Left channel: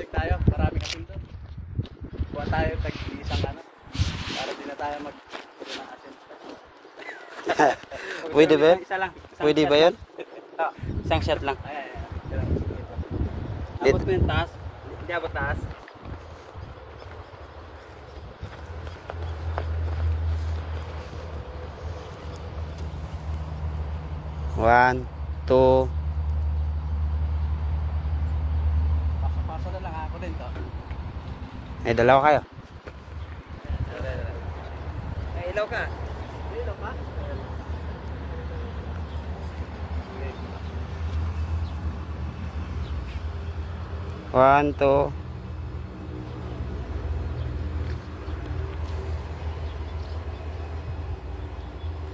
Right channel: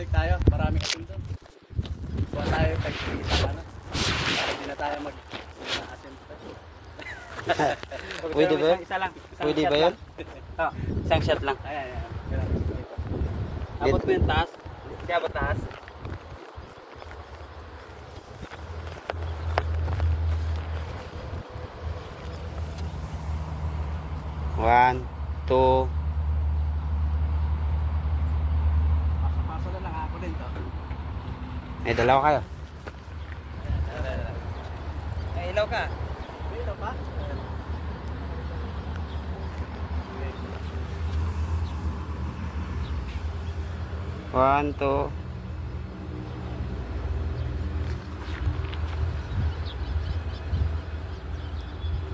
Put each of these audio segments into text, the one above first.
Lake tayo, maraming asin doon. Buwan tayo tag-isang ano. Para di na tayo mag-asin. Pwede ba yun? Isa lang. Pwede ba yun? Isang shot lang. Abot mo yung taas. Hindi abot taas. One, two. Paso na lang ako din to. Eh, dalawa kayo. May ilaw ka? May ilaw pa? One, two.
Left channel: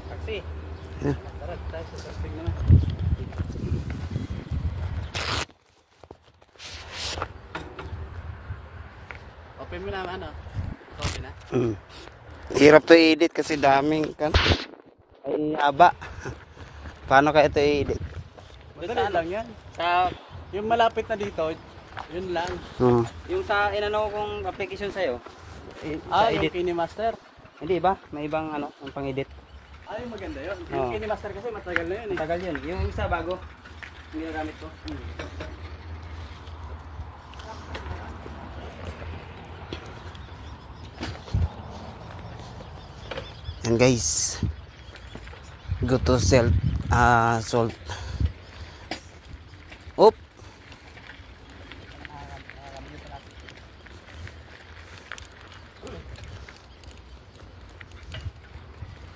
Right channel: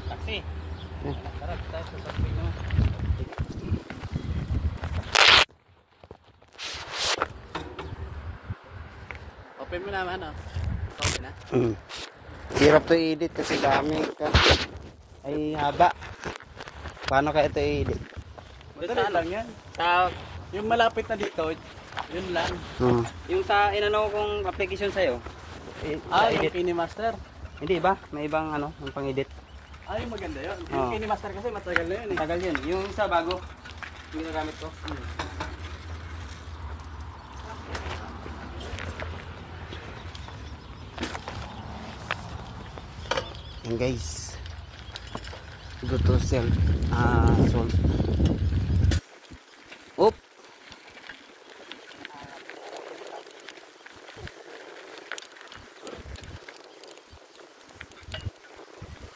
Taxi. Tara, tayo sa taxi naman. Open mo naman ano? Okay na? Hirap to i-edit kasi dami. Ay, haba. Paano kaya ito i-edit? Madali lang yan. Sa, yung malapit na dito, yun lang. Yung sa inano kong application sa'yo. Yung KineMaster. Hindi ba? May ibang ano, yung pang-edit. Yung maganda yun. Yung KineMaster kasi matagal na yun eh. Matagal yun. Yung sa bago, yung ginagamit ko. And guys, go to salt. Oop.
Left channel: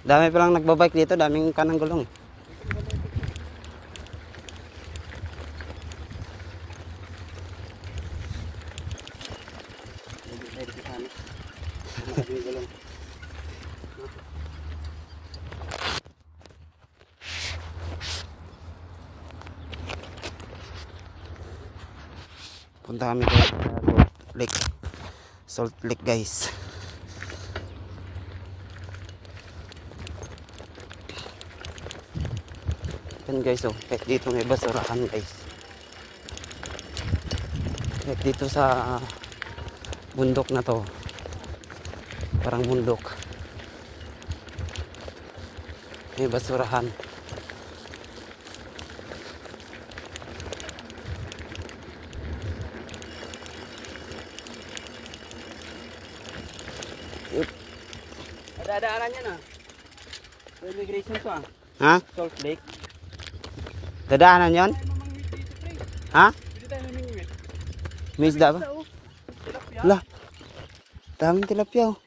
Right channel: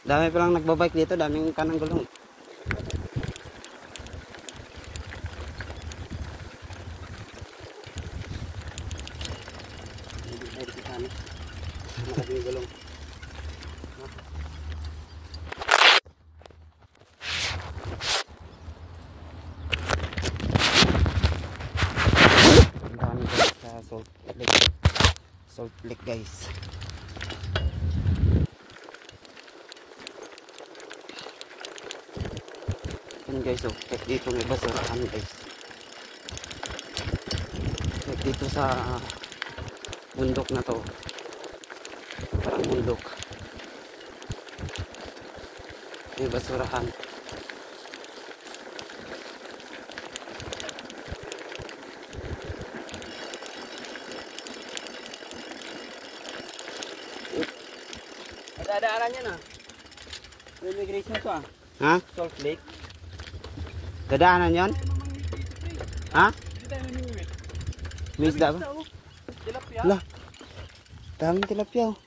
Dami pa lang nagbabike dito, daming kanang gulong. Ang dami guys sa Salt Lake. Salt Lake guys. Yan guys, oh, kahit dito may basurahan guys. Kahit dito sa bundok na to, parang bundok, may basurahan. Dadaanan yan ah. Immigration to ah. Ha? Salt Lake. Dadaanan yon? Ha? Hindi tayo manuwi. May isda ba? Wala. Daming tilapia oh.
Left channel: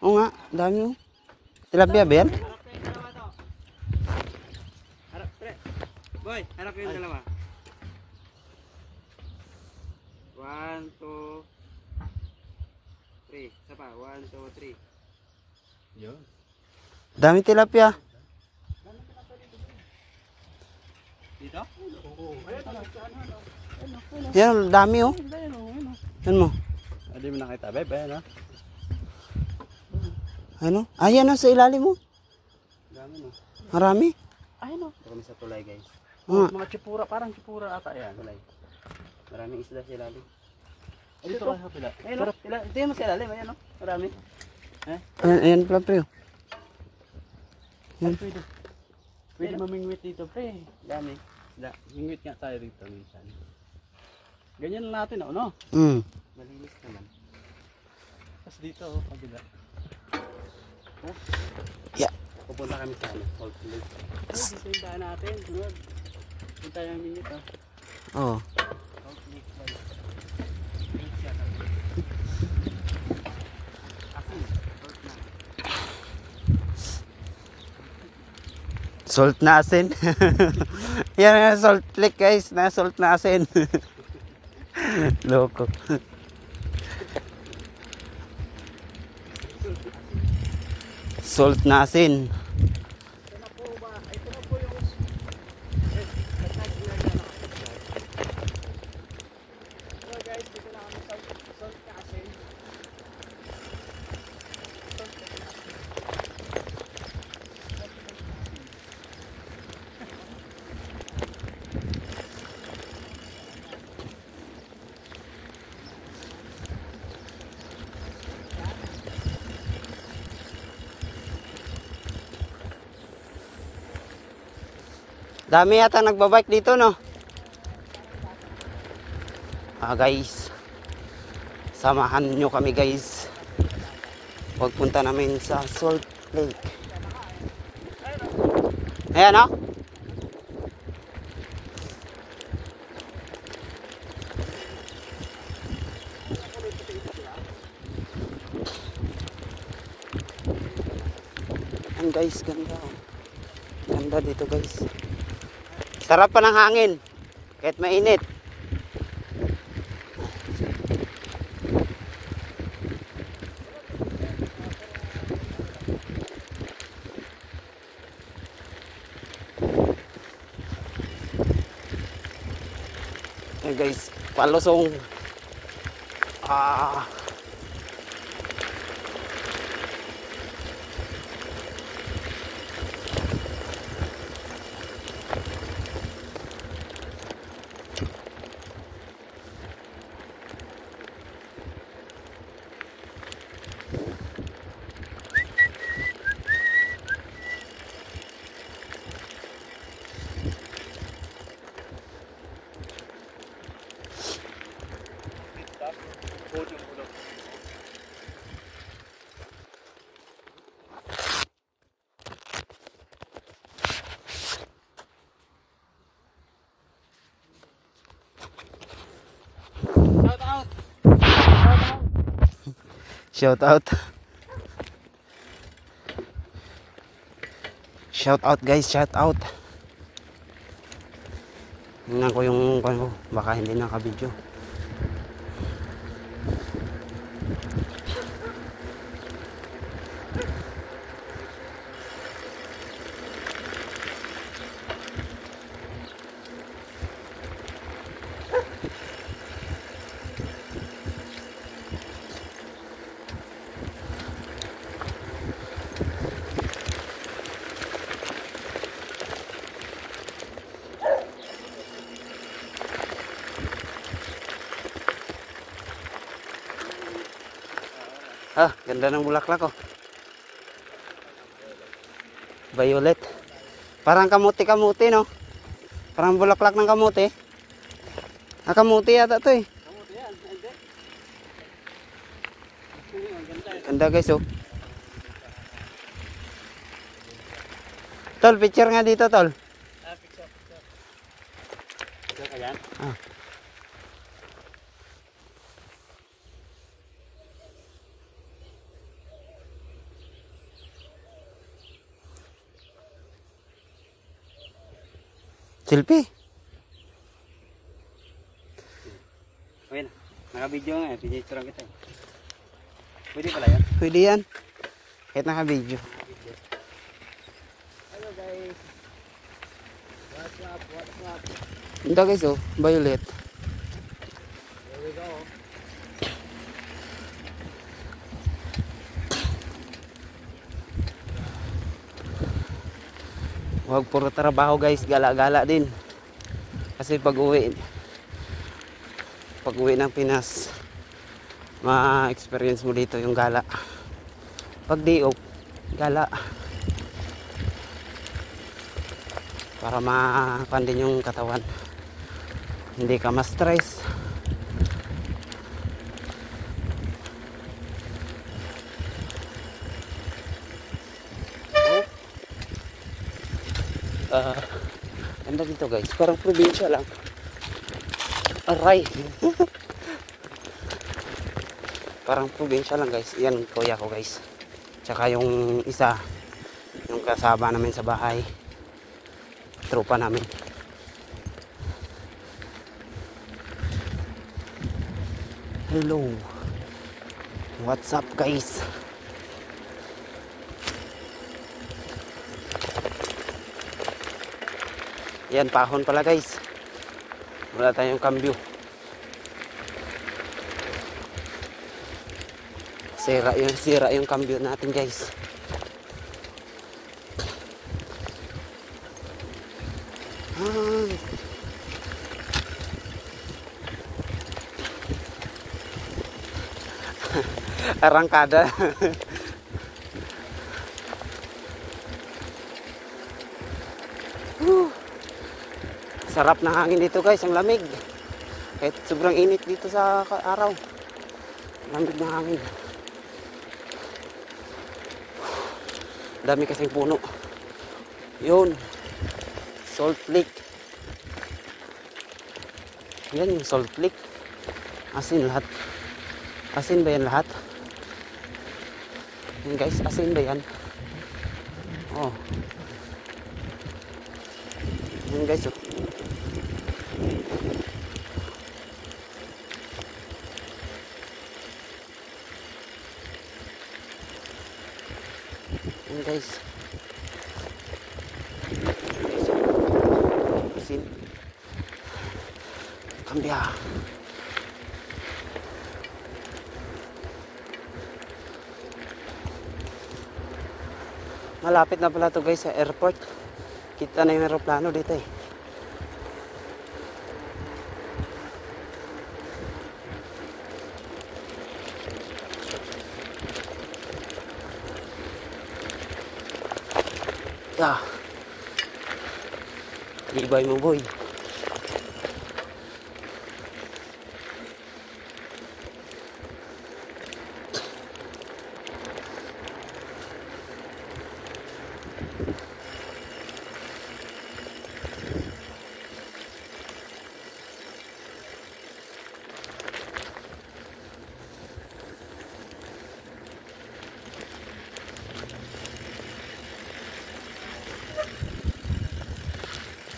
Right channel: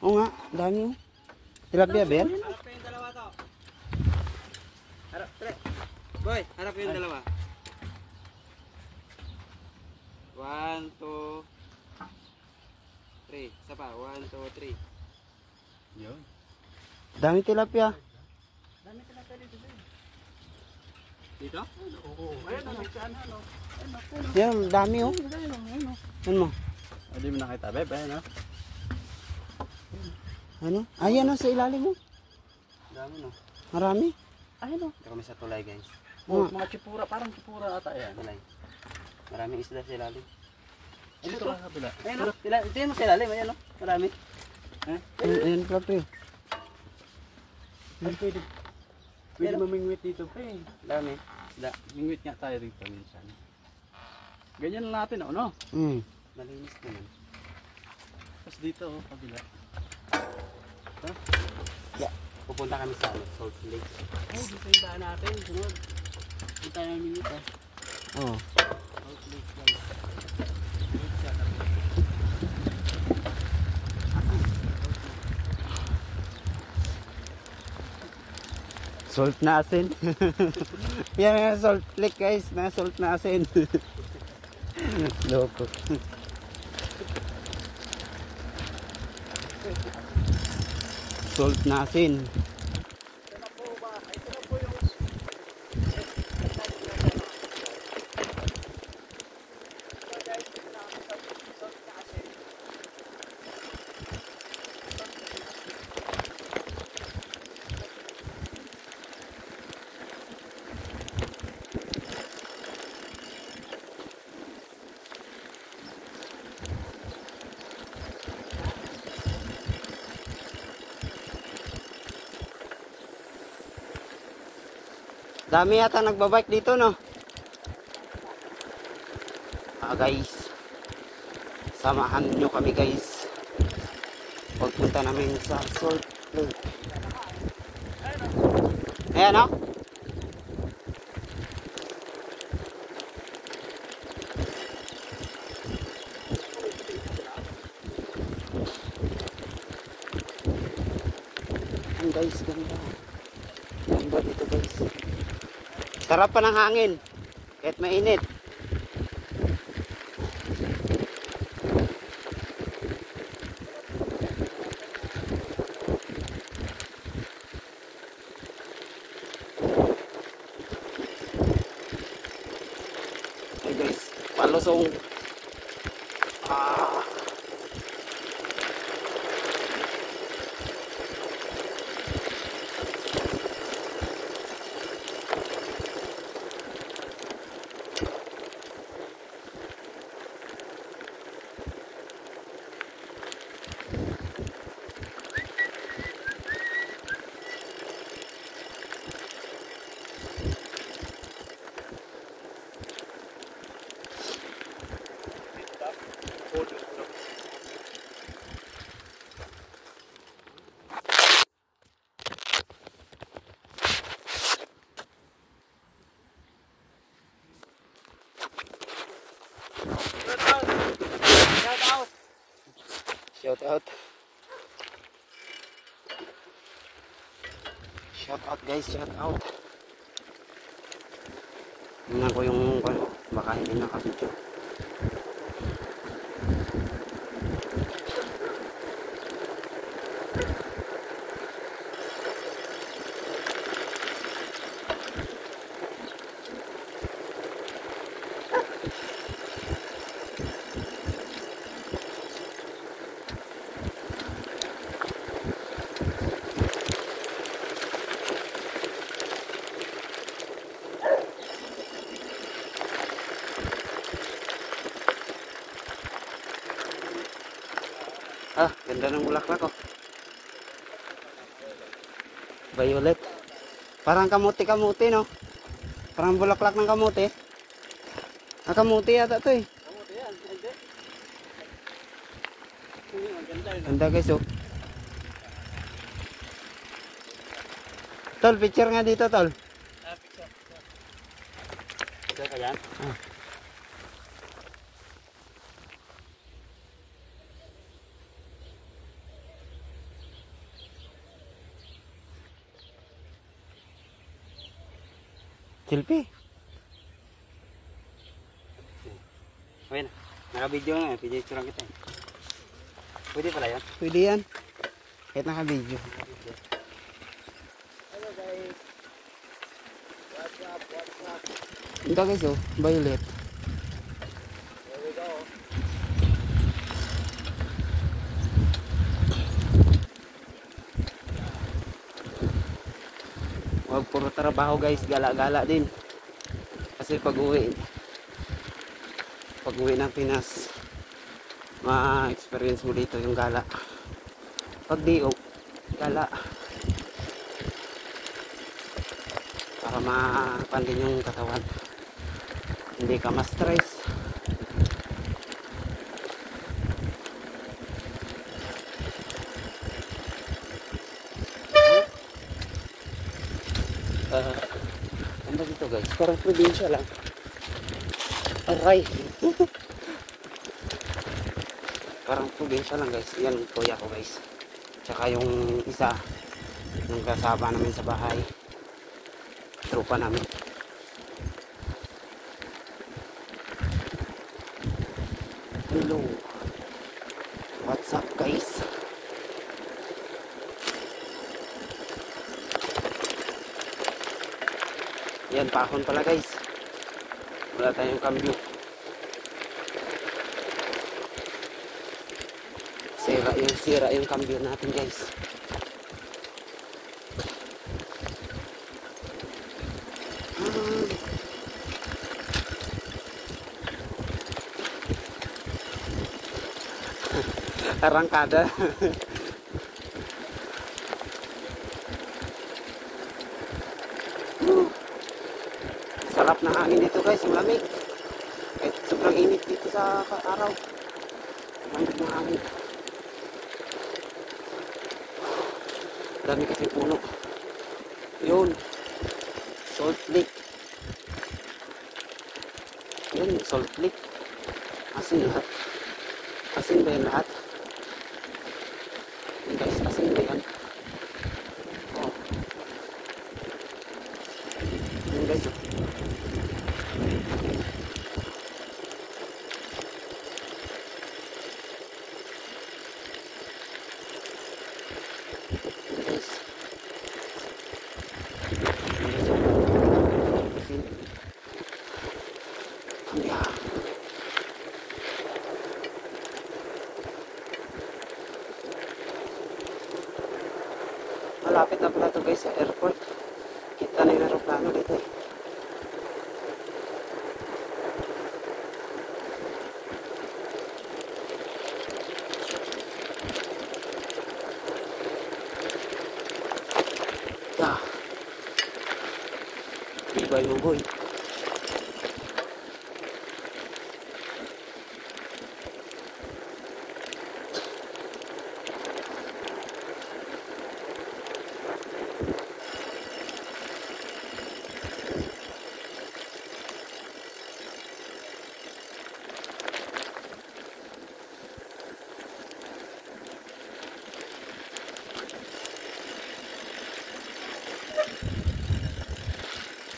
Oo nga, dami oh. Tilapia ba yan? Harap ko yung dalawa to. Harap, pre. Boy, harap ko yung dalawa. 1, 2, 3. Isa pa, 1, 2, 3. Yun. Daming tilapia. Dito? Yan, dami oh. Yan mo. Hindi mo nakita, bebe, no? Ano? Ayan oh, sa ilalim mo. Dami, no? Marami. Ayun, no? Ito kami sa tulay guys. Mga chipura, parang chipura ata yan. Tulay. Maraming isda sa ilalim. Ay, dito ka sa pila. Ayun, no? Ito yun sa ilalim, ayun, no? Marami. Ayan pala pre. Ay, pwede. Pwede mamingwit dito, pre. Dami. Mingwit nga tayo dito minsan. Ganyan lang natin, no? Malinis naman. Tapos dito, kabila. Huh? Yeah. Pupunta kami sa Salt Lake. Dito yung daan natin. Sunod. Punta yung mingwit, ha? Oo. Salt Lake lang. Salt na asin. Yan ang Salt Lake guys, na salt na asin. Loko. Salt na asin. Ito na po ba? Ito na po yung so guys, dito na kami sa salt na asin. Dami yata nagbabike dito, no? Guys, samahan nyo kami guys pagpunta namin sa Salt Lake. Ayan, no? Ayan guys, ganda. Ganda dito guys. Sarap pa ng hangin kahit mainit. Ayan guys, palusong. Shout out. Shout out guys, shout out. Tingnan ko yung baka hindi nakabidyo. Ganda ng bulaklak oh. Violet. Parang kamuti-kamuti, no? Parang bulaklak ng kamuti. Kamuti yata to eh. Kamuti yan, hindi. Ganda guys oh. Tol, picture nga dito tol. Picture. Picture ka yan? Selfie. Ayun, naka-video nga, picture lang kita eh. Pwede pala yan? Pwede yan. Kahit naka-video. Hello guys. What's up? Ganda guys oh, violet. Here we go. Huwag puro trabaho guys, gala-gala din. Kasi pag-uwi ng Pinas, ma-experience mo dito yung gala. Pag diok, gala. Para ma-pandin yung katawan. Hindi ka ma-stress. Ano dito guys? Parang probinsya lang. Aray! Parang probinsya lang guys. Yan kuya ko guys. Tsaka yung isa, yung kasama namin sa bahay. Tropa namin. Hello. What's up guys? Yan, pahon pala guys. Wala tayong kambyo. Sira yung kambyo natin guys. Arangkada. Sarap ng hangin dito guys, ang lamig. Kahit sobrang init dito sa araw. Lamig ng hangin. Dami kasing puno. Yun. Salt Lake. Yan, Salt Lake. Asin lahat. Asin ba yan lahat? Yan guys, asin ba yan? Oh. Yan guys, oh. Yan guys. Asin. Kambya. Malapit na pala ito guys sa airport. Kita na yung aeroplano dito eh. Yeah. Ibay mo boy.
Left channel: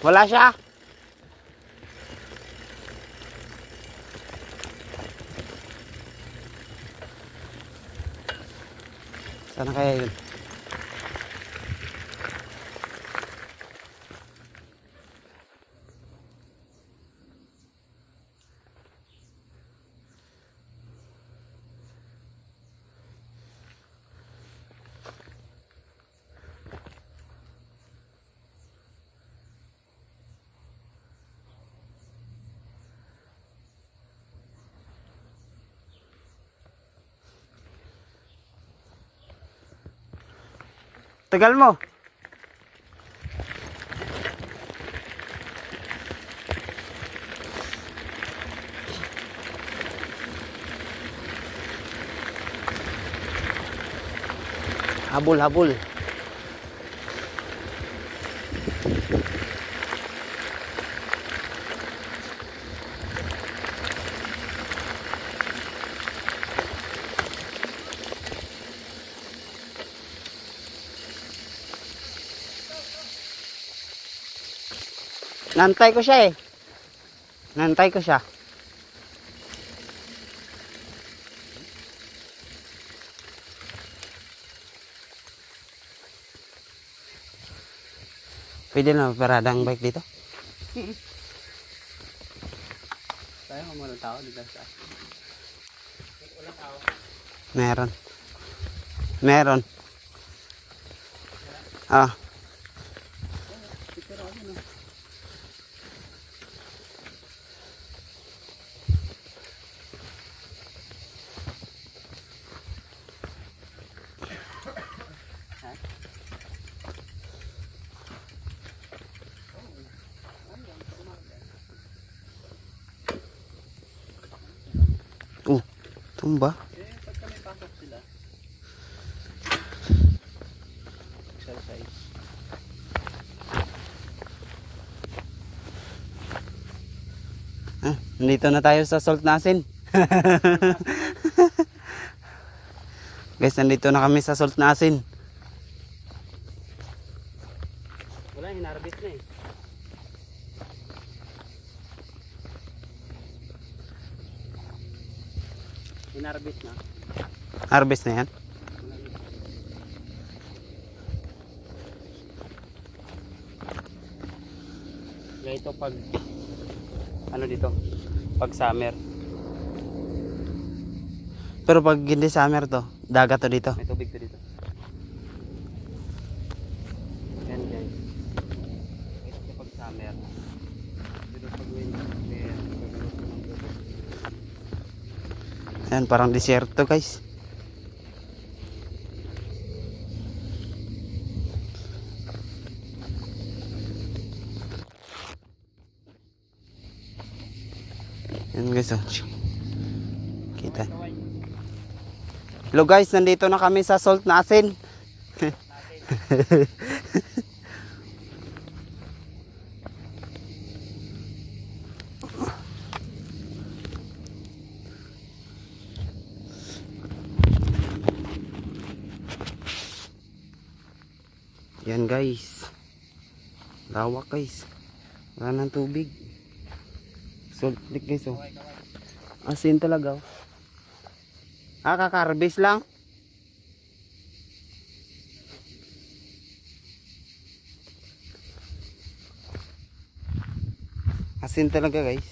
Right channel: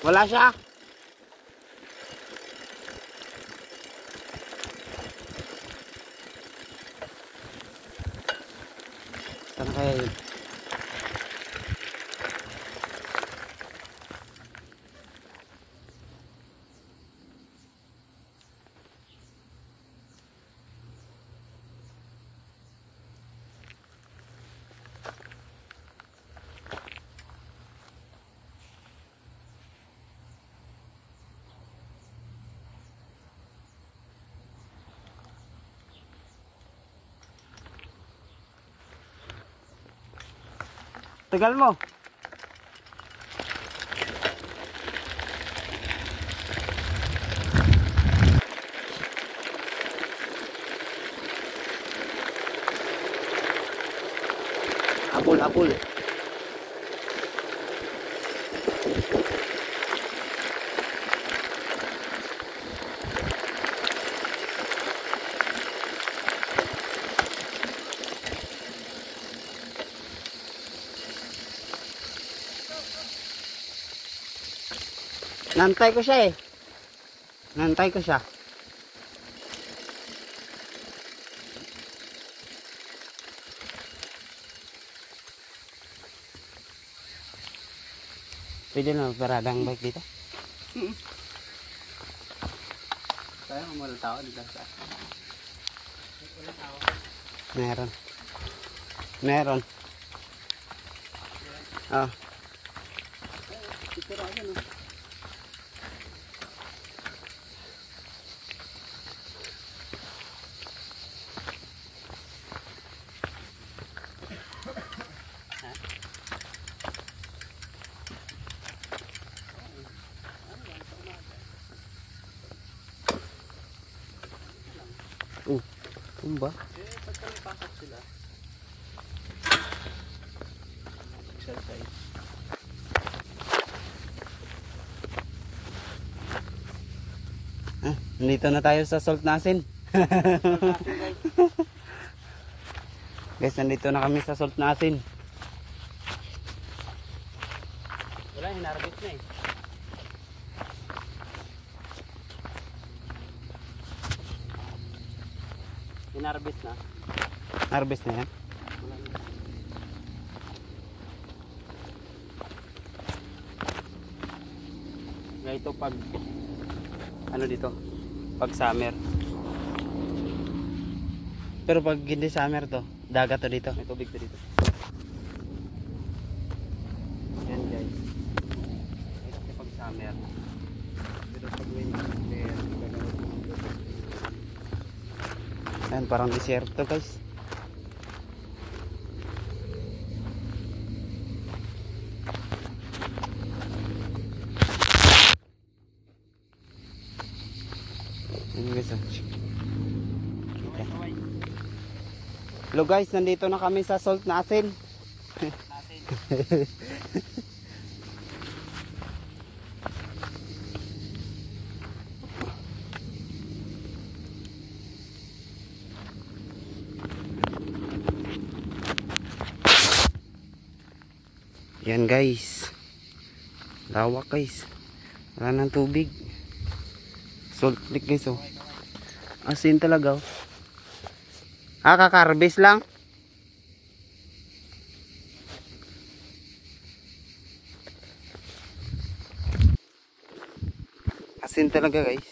Wala siya. Sana kaya yun? Tagal mo. Habol. Nantay ko siya eh. Nantay ko siya. Pwede na paradang bike dito? Kaya kung walang tao dito sa walang tao. Meron. Ah. Pero ano? Tumba. Pagka may pasok sila. Exercise. Nandito na tayo sa Salt Nasin. Guys, nandito na kami sa Salt Nasin. Wala, hinarbit na eh. Hinarbit na. Harvest na yan. Kaya ito pag ano dito? Pag summer. Pero pag hindi summer to, dagat to dito. May tubig to dito. Yan guys. Ito pag summer. Dito pag winter. Yan, parang desierto guys. Yan guys, oh. Kita. Hello guys, nandito na kami sa salt na asin. Yan guys. Lawak guys. Wala nang tubig. Salt lake guys, oh. Asin talaga, oh. Kakarbis lang. Asin talaga guys.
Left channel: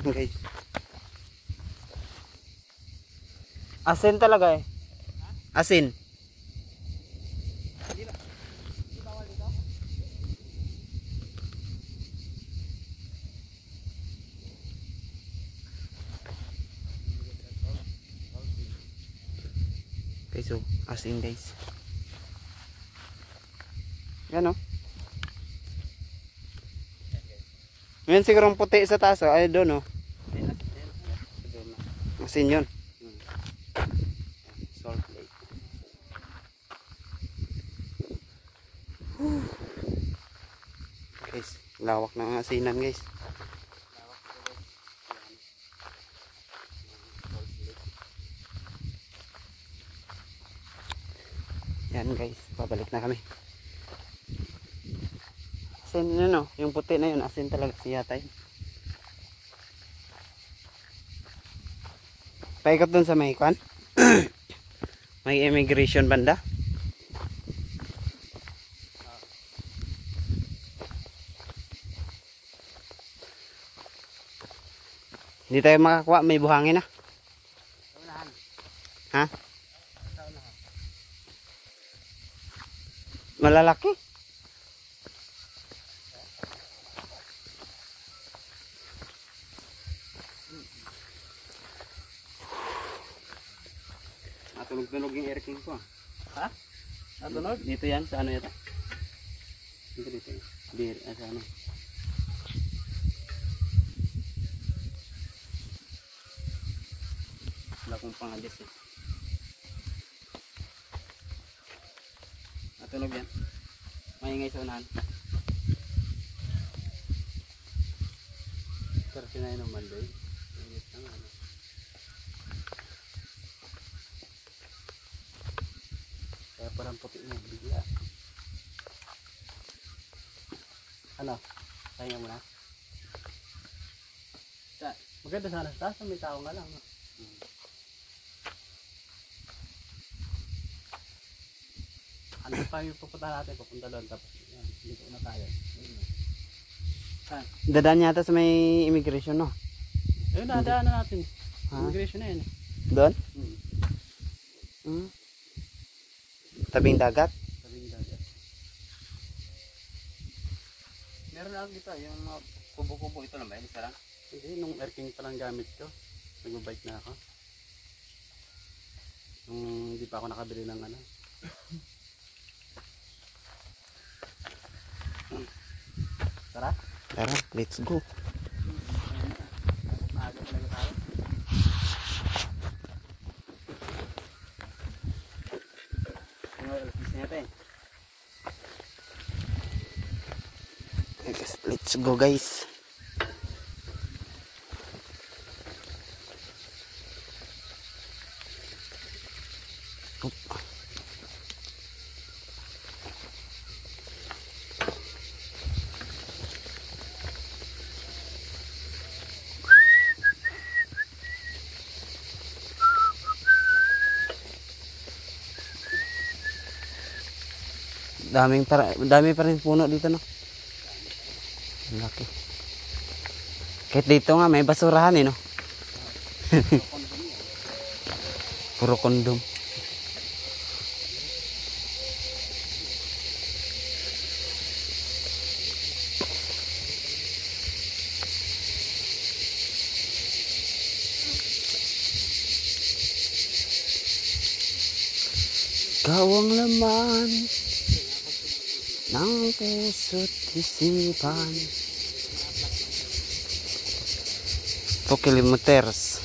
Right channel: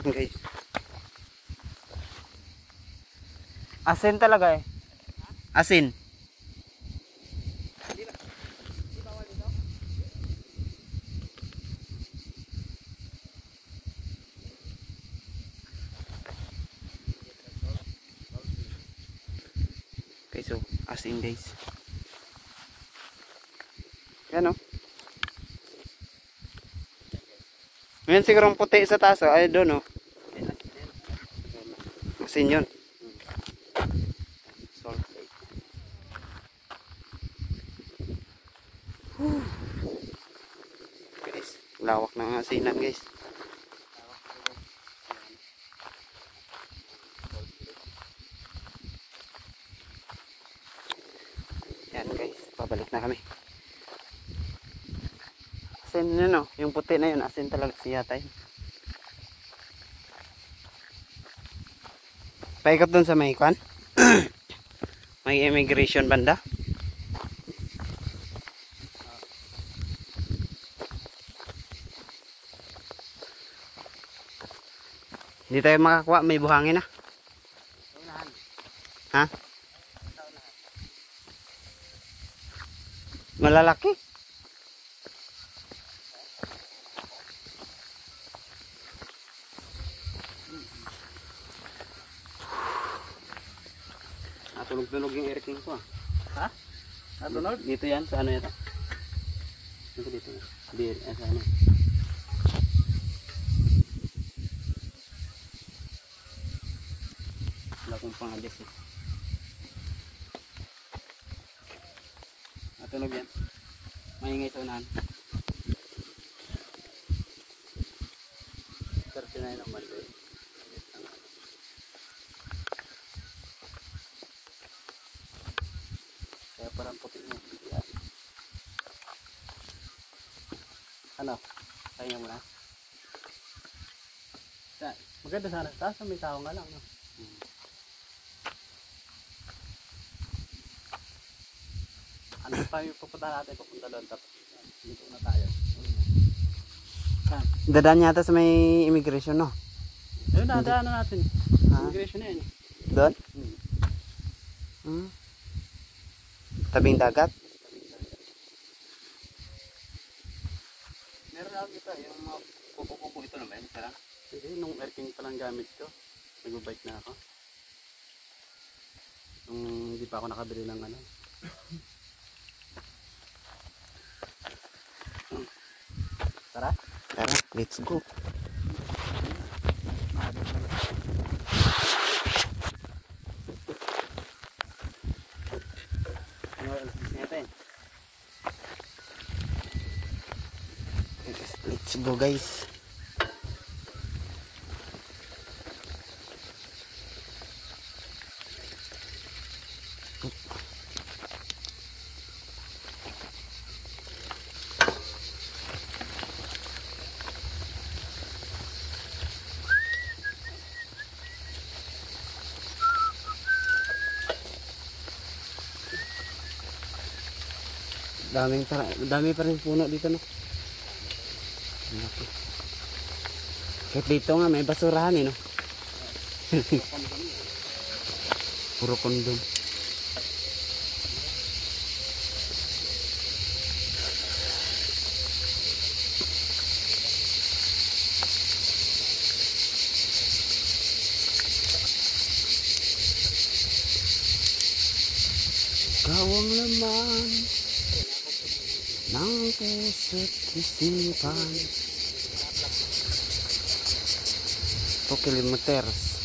Yan guys. Asin talaga eh. Asin. Okay, so asin guys. Yan oh. Ngayon sigurong puti sa taas oh. Ay doon oh. Asin yun. Salt lake. Guys, lawak ng asinan guys. Yan guys, pabalik na kami. Asin yun oh, yung puti na yun, asin talaga siya tayo. Paikot dun sa may kwan. May immigration banda. Hindi tayo makakuha, may buhangin na. Ha? Malalaki. Tunog-tunog yung aircon ko. Ha? Tunog? Dito yan, sa ano ito? Dito. Dito, sa ano. Wala kong pang-adjust eh. Tunog yan. Maingay sa unahan. 39 naman doon. Kaya parang puti mo bigla. Ano? Kaya mo na? Maganda sana sa taas, may tao nga lang. No? Ano pa yung pupunta natin? Pupunta doon tapos dito na tayo. Dadaan yata sa may immigration, no? Ayun na, daan na natin. Ha? Immigration na yun. Doon? Tabing dagat? Tabing dagat. Meron lang dito, yung mga kubo-kubo ito na ba yun? Sarang? Hindi, nung airking pa lang gamit ko. Nag-bike na ako. Nung hindi pa ako nakabili ng ano. Tara? Tara, let's go. Let's go guys. Dami pa rin puno dito, no? Laki. Kahit dito nga may basurahan eh, no? Puro kondom. Ikaw ang laman ng puso't isipan. kilometers.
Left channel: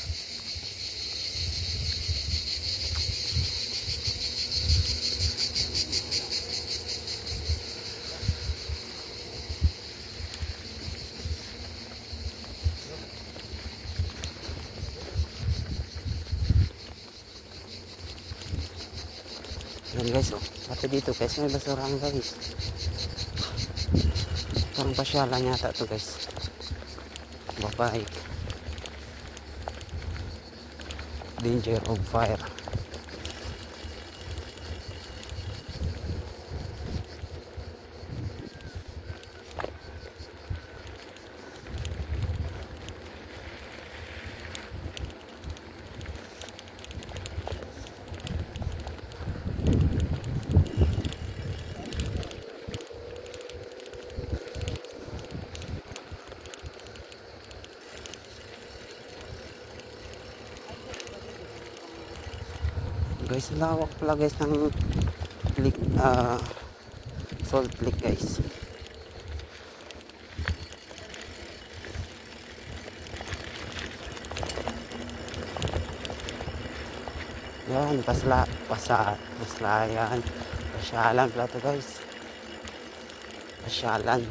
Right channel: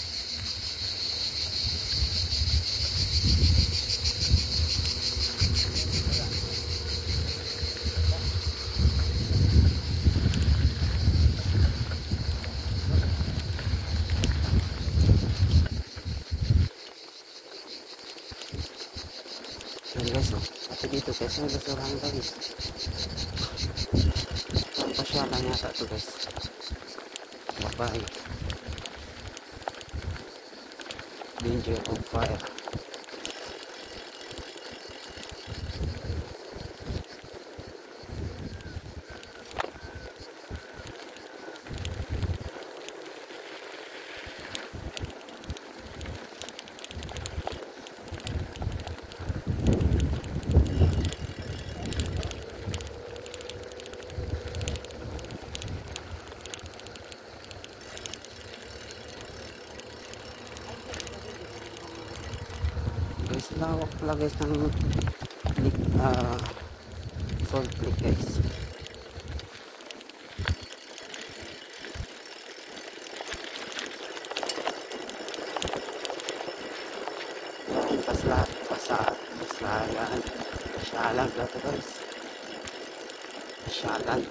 Yan guys, oh. Pati dito guys, may basurahan guys. Ito ang pasyalan yata to guys. Babae. Danger of fire. Guys, lawak pala guys ng lake, salt lake guys. Yan, paslayan. Pasyalan pala to guys. Pasyalan.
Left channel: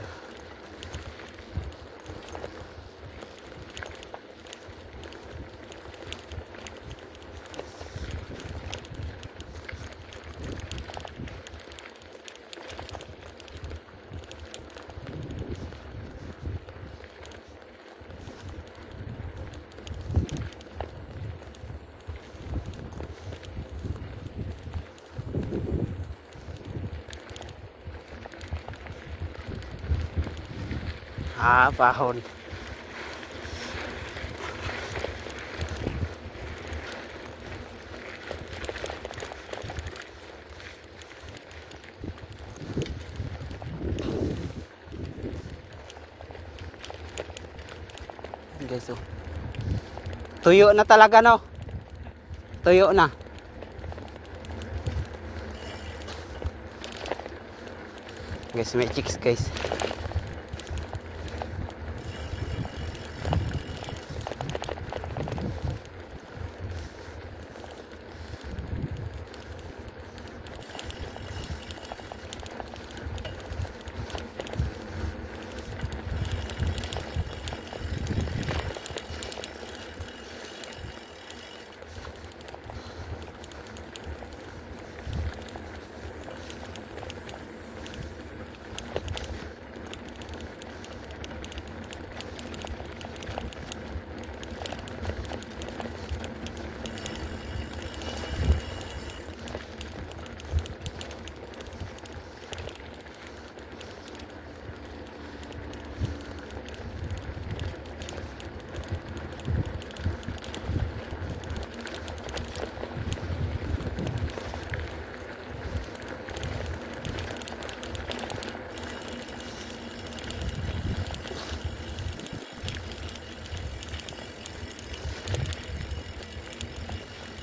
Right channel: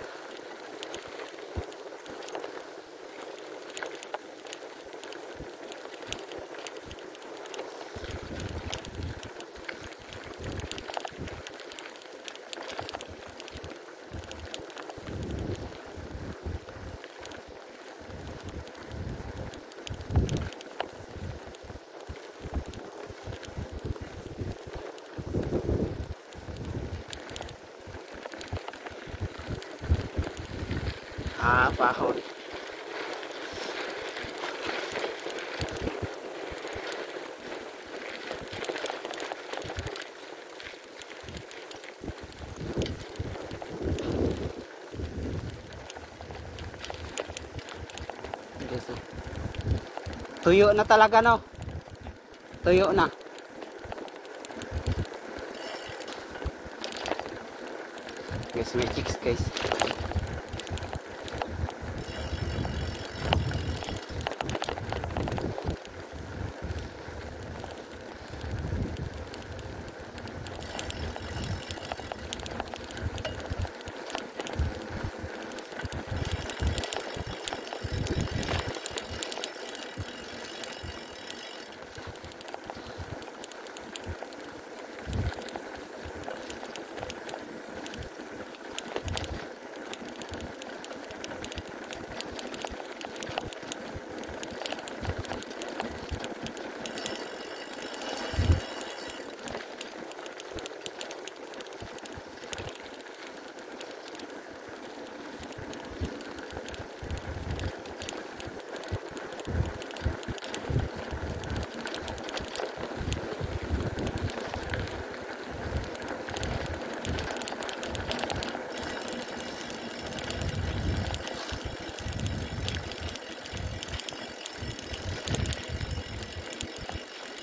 Pahon. Guys, oh. Tuyo na talaga, no? Tuyo na. Guys, may chicks guys.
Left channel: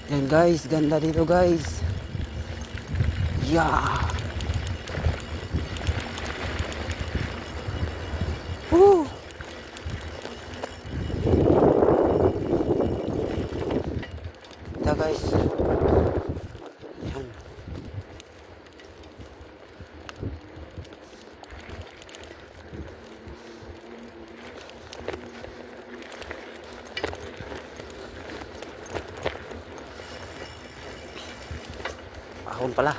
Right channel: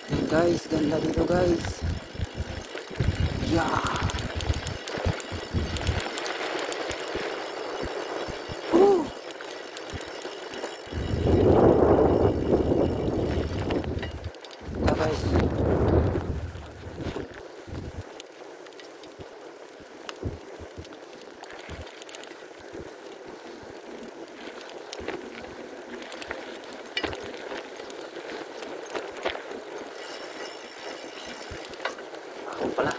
Yan guys, ganda dito guys. Yeah. Woo. Yeah guys. Ako pala.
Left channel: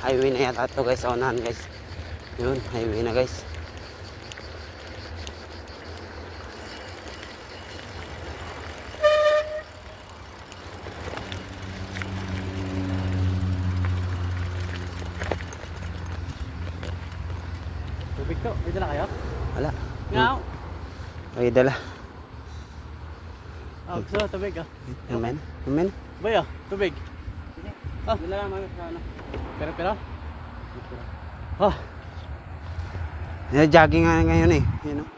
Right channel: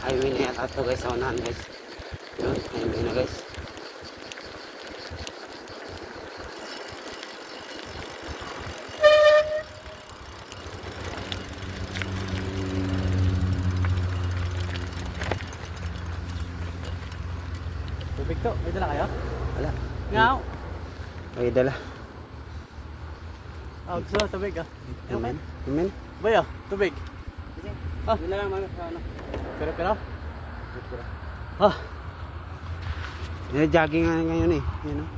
Highway na yata ito guys, unahan guys. Yun, highway na guys. Tubig to, may dala kayo? Wala. Ngaw! May dala. Gusto na tubig ah. Amen. Amen. Bayo, tubig. Dala mga ano. Pero? Jogging nga ngayon eh. Yun, oh.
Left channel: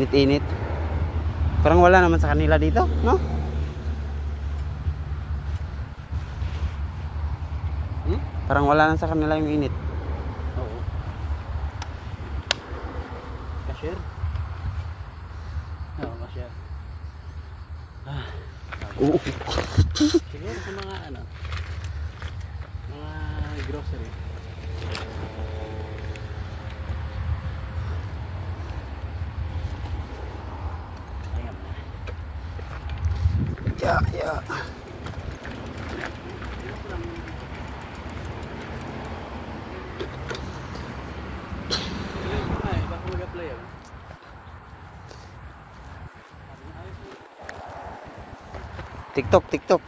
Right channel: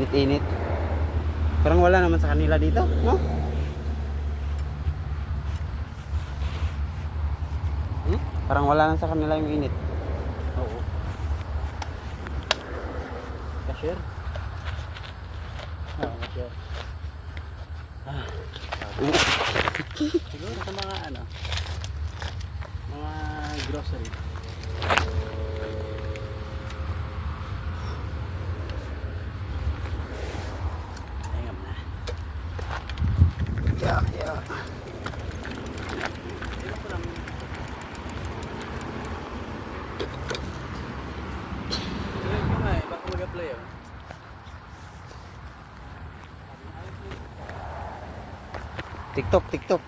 Init-init. Parang wala naman sa kanila dito, no? Parang wala naman sa kanila yung init. Oo. Cashier? Oo, cashier. Siguro sa mga ano, mga grocery. Ayun na. Yeah. Sige ko na baka mag-apply ah. TikTok.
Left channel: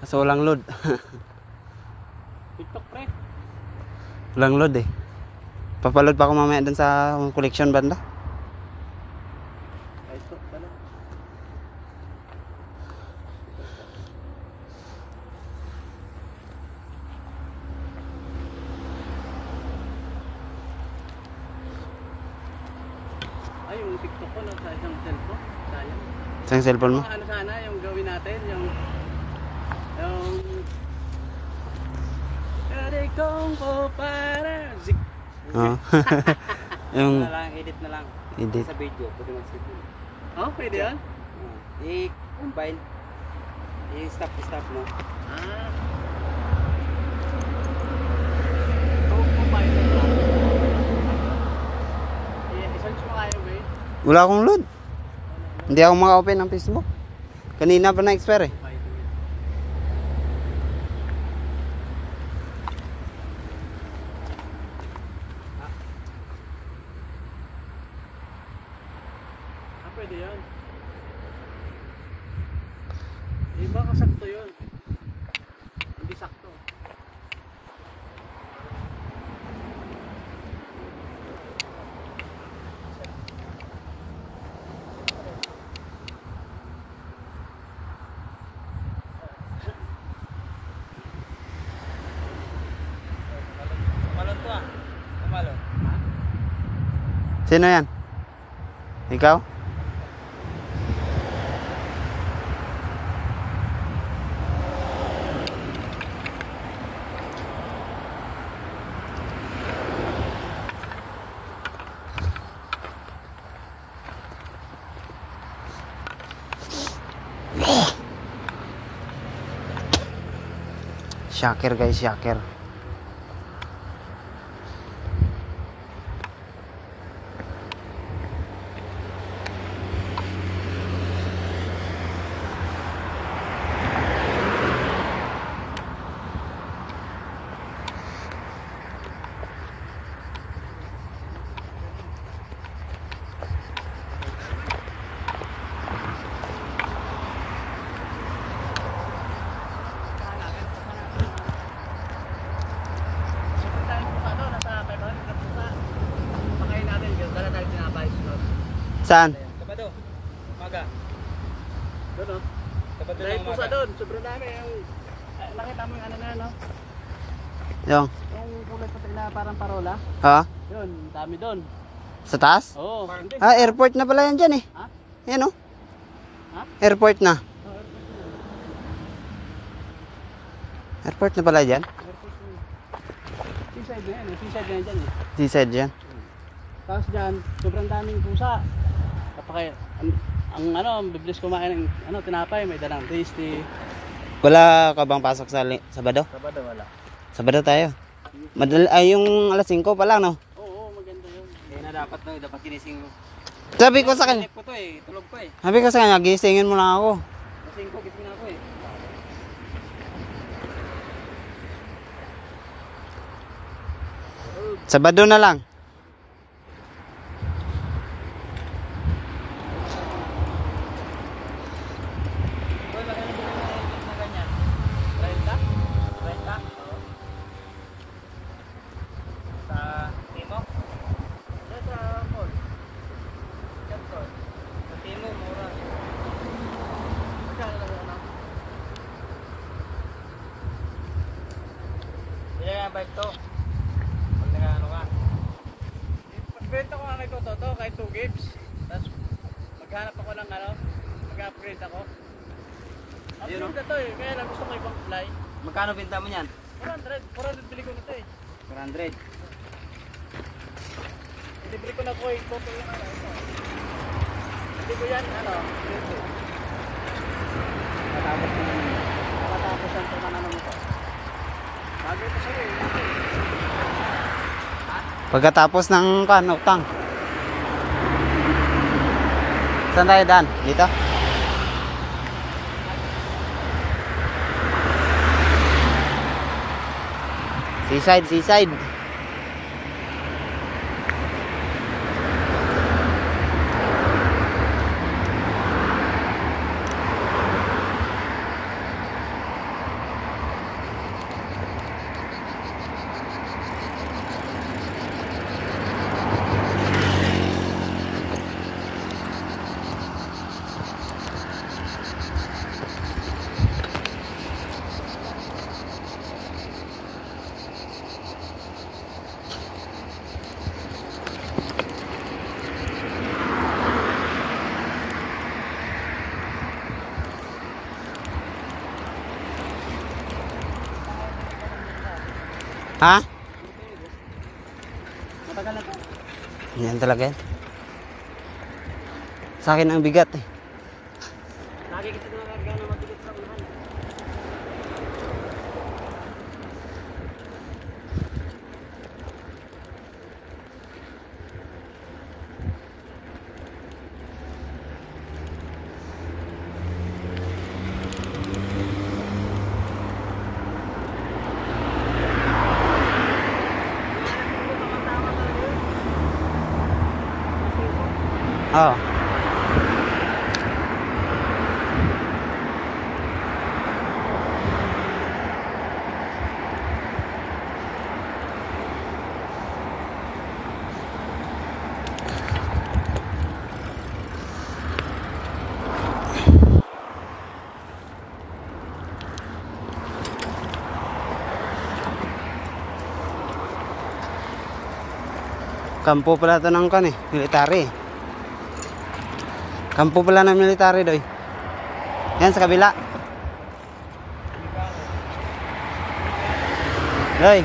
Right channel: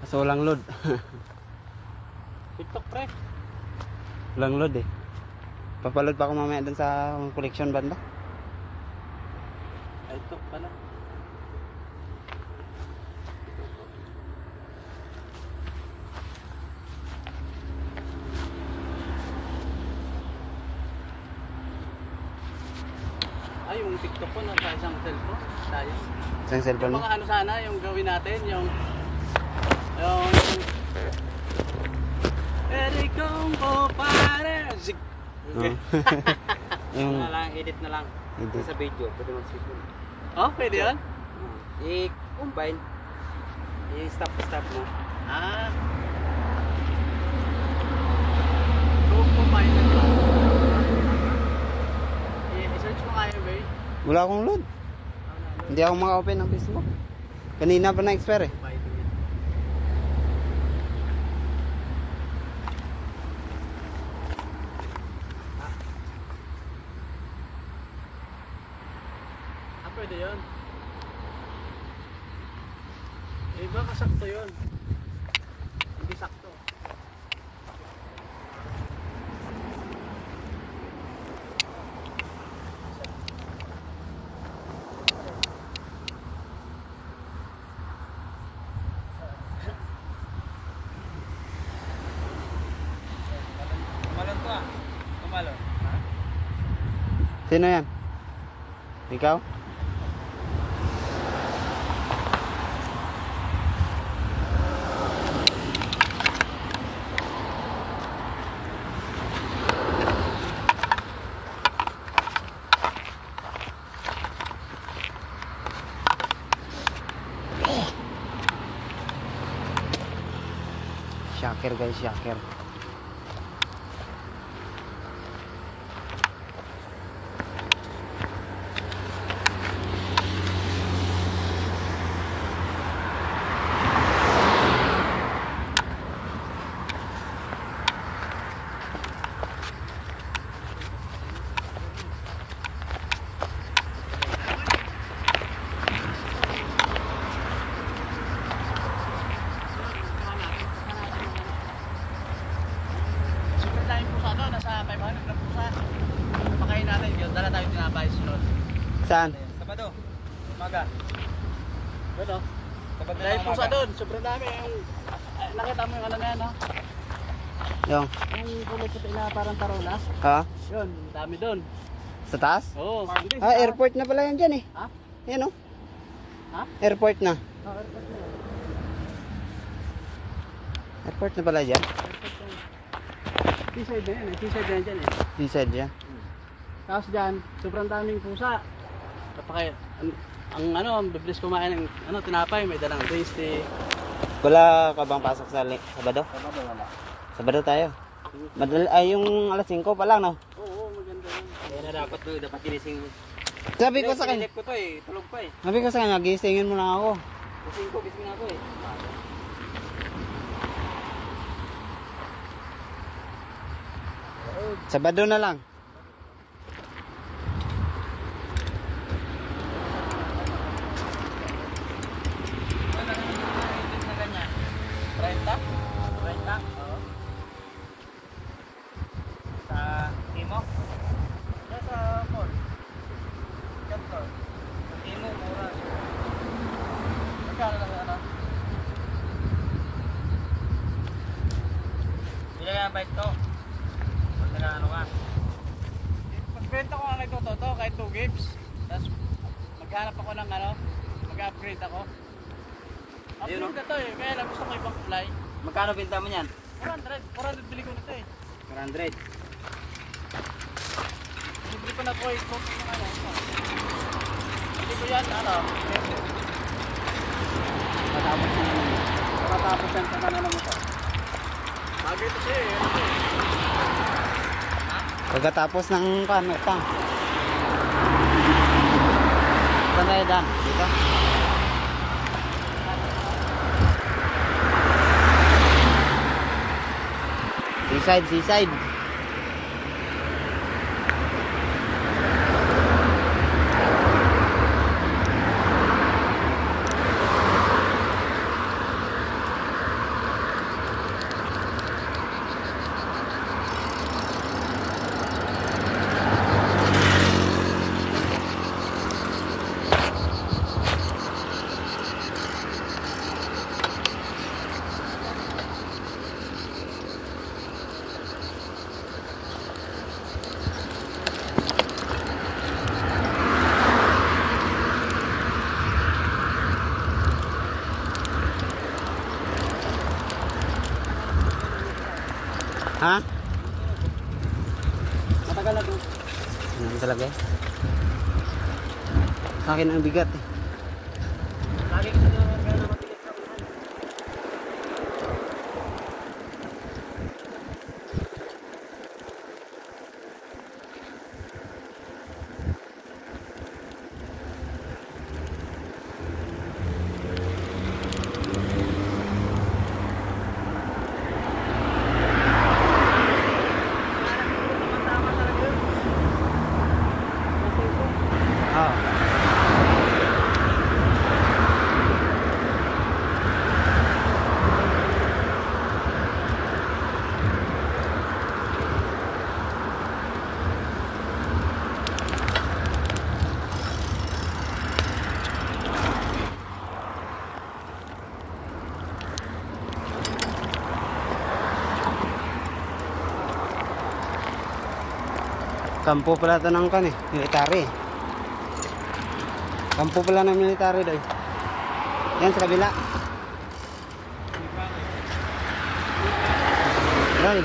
Kaso walang load. TikTok pre. Walang load eh. Papaload pa ako mamaya dun sa collection banda. Ay, ito pala. Ay, yung TikTok ko nasa isang cellphone. Sayang. Sa cellphone mo? Mga ano sana, yung gawin natin, yung pwede kong kupare. Zik. Oo. Yung Edit na lang. edit. Sa video, pwede mag-save yun. Oh, pwede yun? I-combine. I-stop mo. Ah. Kung kumain lang. I-search mo kayo, ba? Wala akong load. Hindi ako maka-open ng Facebook. Kanina pa na-expire eh. Pwede yun. Eh baka sakto yun. Hindi sakto. Tumalon to ah. Tumalon. Sino yan? Ikaw? Shocker guys, shocker. Sobrang tayo pusa doon, nasa 500 na pusa. Pakain natin yun, dala tayo tinapay sunod. Saan? Sabado. Umaga. Doon oh. Sabado Dahil na pusa umaga. doon, sobrang dami. Yung, nakita mo yung ano na yan, no? Yung? Yung kulay puti na parang tarola. Ha? Yun, dami doon. Sa taas? Oo. Ah, airport na pala yan dyan eh. Ha? Yan oh. Ha? Airport na. Oh, airport na yun. Airport na pala dyan. Airport na yun. Seaside na yan eh. Seaside na yan dyan eh. Seaside dyan. Tapos dyan, sobrang daming pusa. Kapag ang ano, bibilis kumain ng ano, tinapay, may dalang tasty. Wala ka bang pasok sa Sabado? Sabado wala. Sabado tayo. Ay, yung alas 5 pa lang no? Oo, maganda yun. Kaya na dapat no, dapat ginising mo. Sabi ko sa kanya, Ko to eh, tulog pa eh. sabi ko sa kanya, gisingin mo lang ako. Gising na ako eh. Sabado na lang. Wala ka na ganyan. 30? 30? Oo. Sa Timo? Nasa mall. Ganto. Sa Timo, mura. Magkano lang ano? Bila ka bike to. Pag nag-ano ka. kahit 2 gigs. Tapos maghanap ako ng ano, mag-upgrade ako. Ayun, Upgrade na to eh, kaya lang gusto ko ibang fly. Magkano binta mo yan? 400 bili ko nito eh. 400. Libre ko na po eh, photo yung ano. Hindi ko yan, ano, libre. Matapos yan kung ano naman ito. Bagay ito sa'yo eh. Pagkatapos ng utang. Saan tayo Dan? Dito? Seaside. Ha? Matagal na to. Yan talaga yan. Sa akin ang bigat eh. Lagi kita nakakarga na mabilis pa rin. Oh. Kampo pala ito ng kan eh, military. Kampo pala ng military doy. Yan sa kabila. Doy.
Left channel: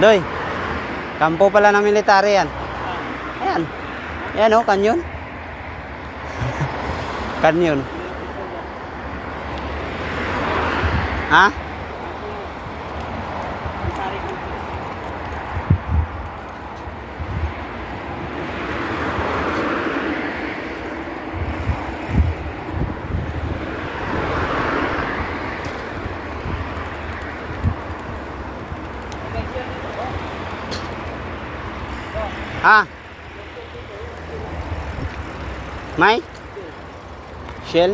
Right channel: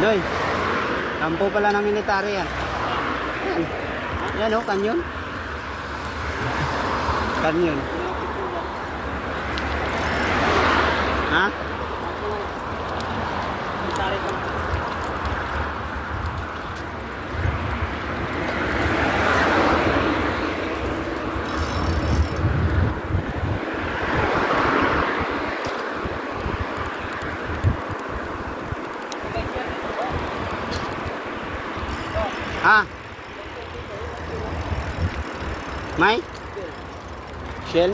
Doy. Kampo pala ng military yan. Yan. Yan oh, kanyon. Kanyon. Ha? Ha? May? Shell?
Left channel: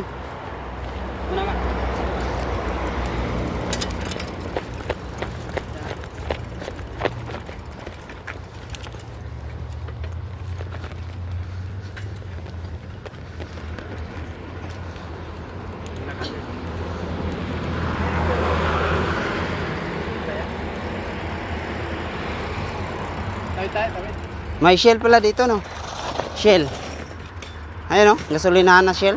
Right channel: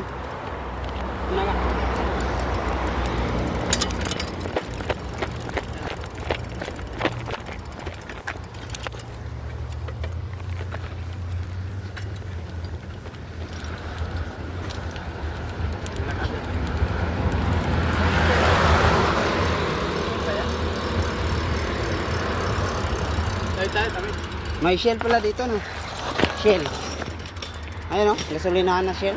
May Shell pala dito no. Shell. Ayun no, gasolinahan na Shell.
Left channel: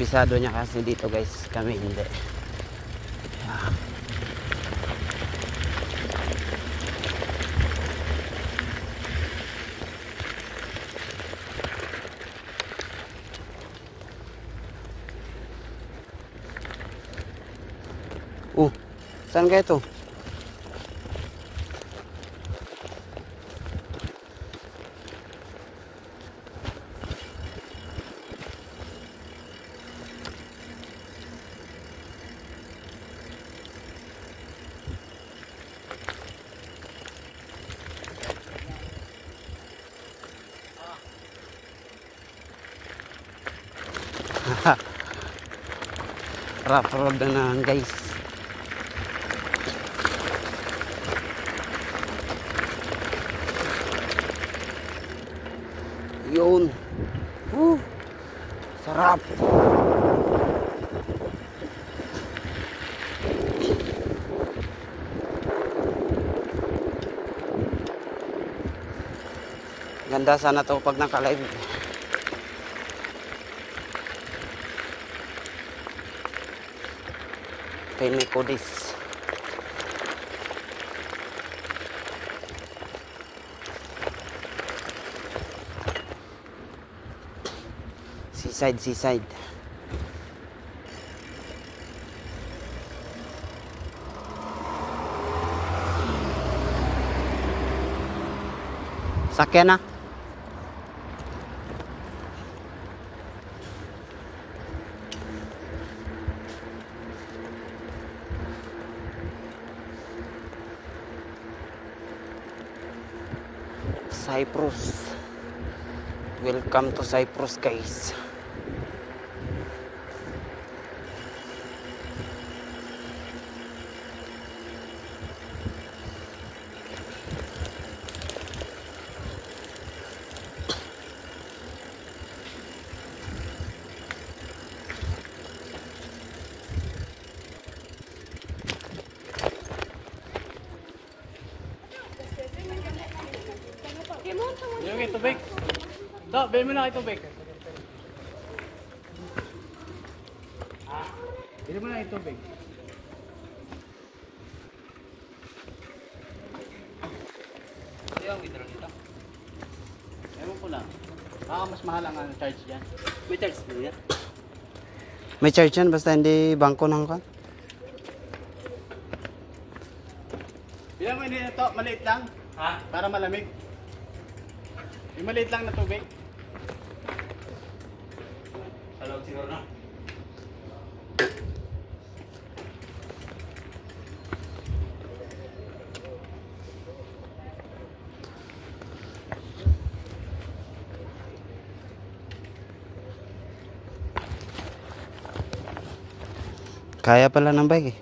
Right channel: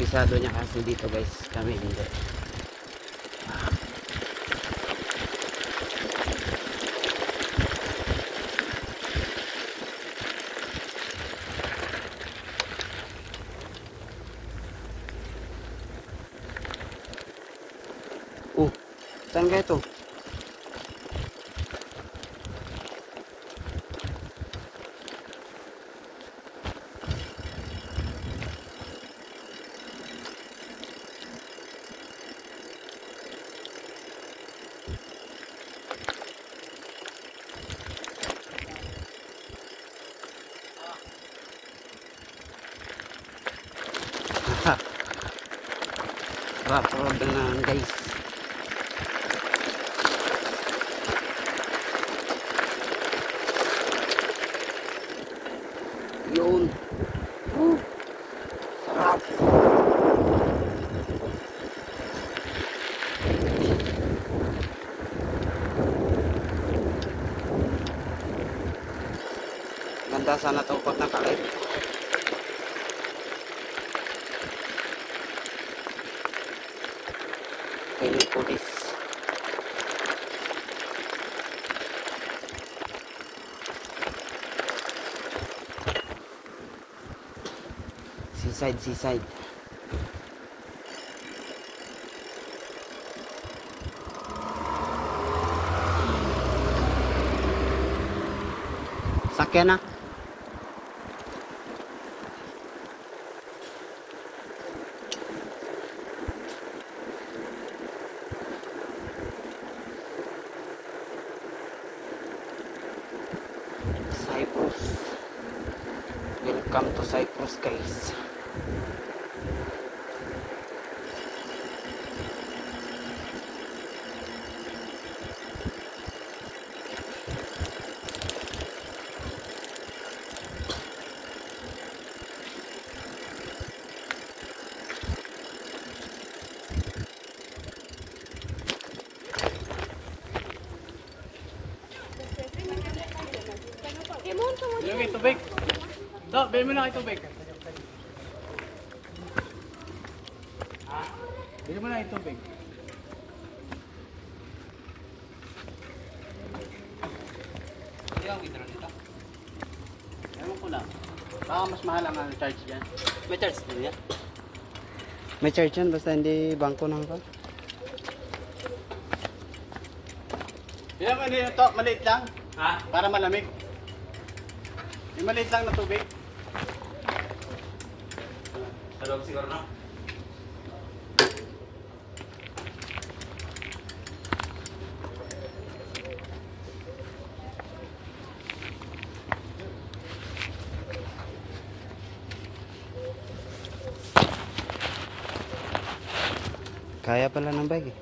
Bisado niya kasi dito guys, kami hindi. Saan kaya ito? Rough road na naman guys. Yun. Sarap. Ganda sana to pag nakalive. Ini pudis. Seaside. Sakyan na. Cyprus. Welcome to Cyprus guys. Yung tubig. Do, bili mo na kayo tubig. Ah, bili mo na kayo tubig. Yung withdraw nito. Ewan ko lang. Baka mas mahal ang charge dyan. May charge din yan? May charge yan basta hindi bangko ng kan. Bilang mo nito to, maliit lang. Ha? Para malamig. Yung maliit lang na tubig. Talog siguro na. Kaya pala ng bike eh.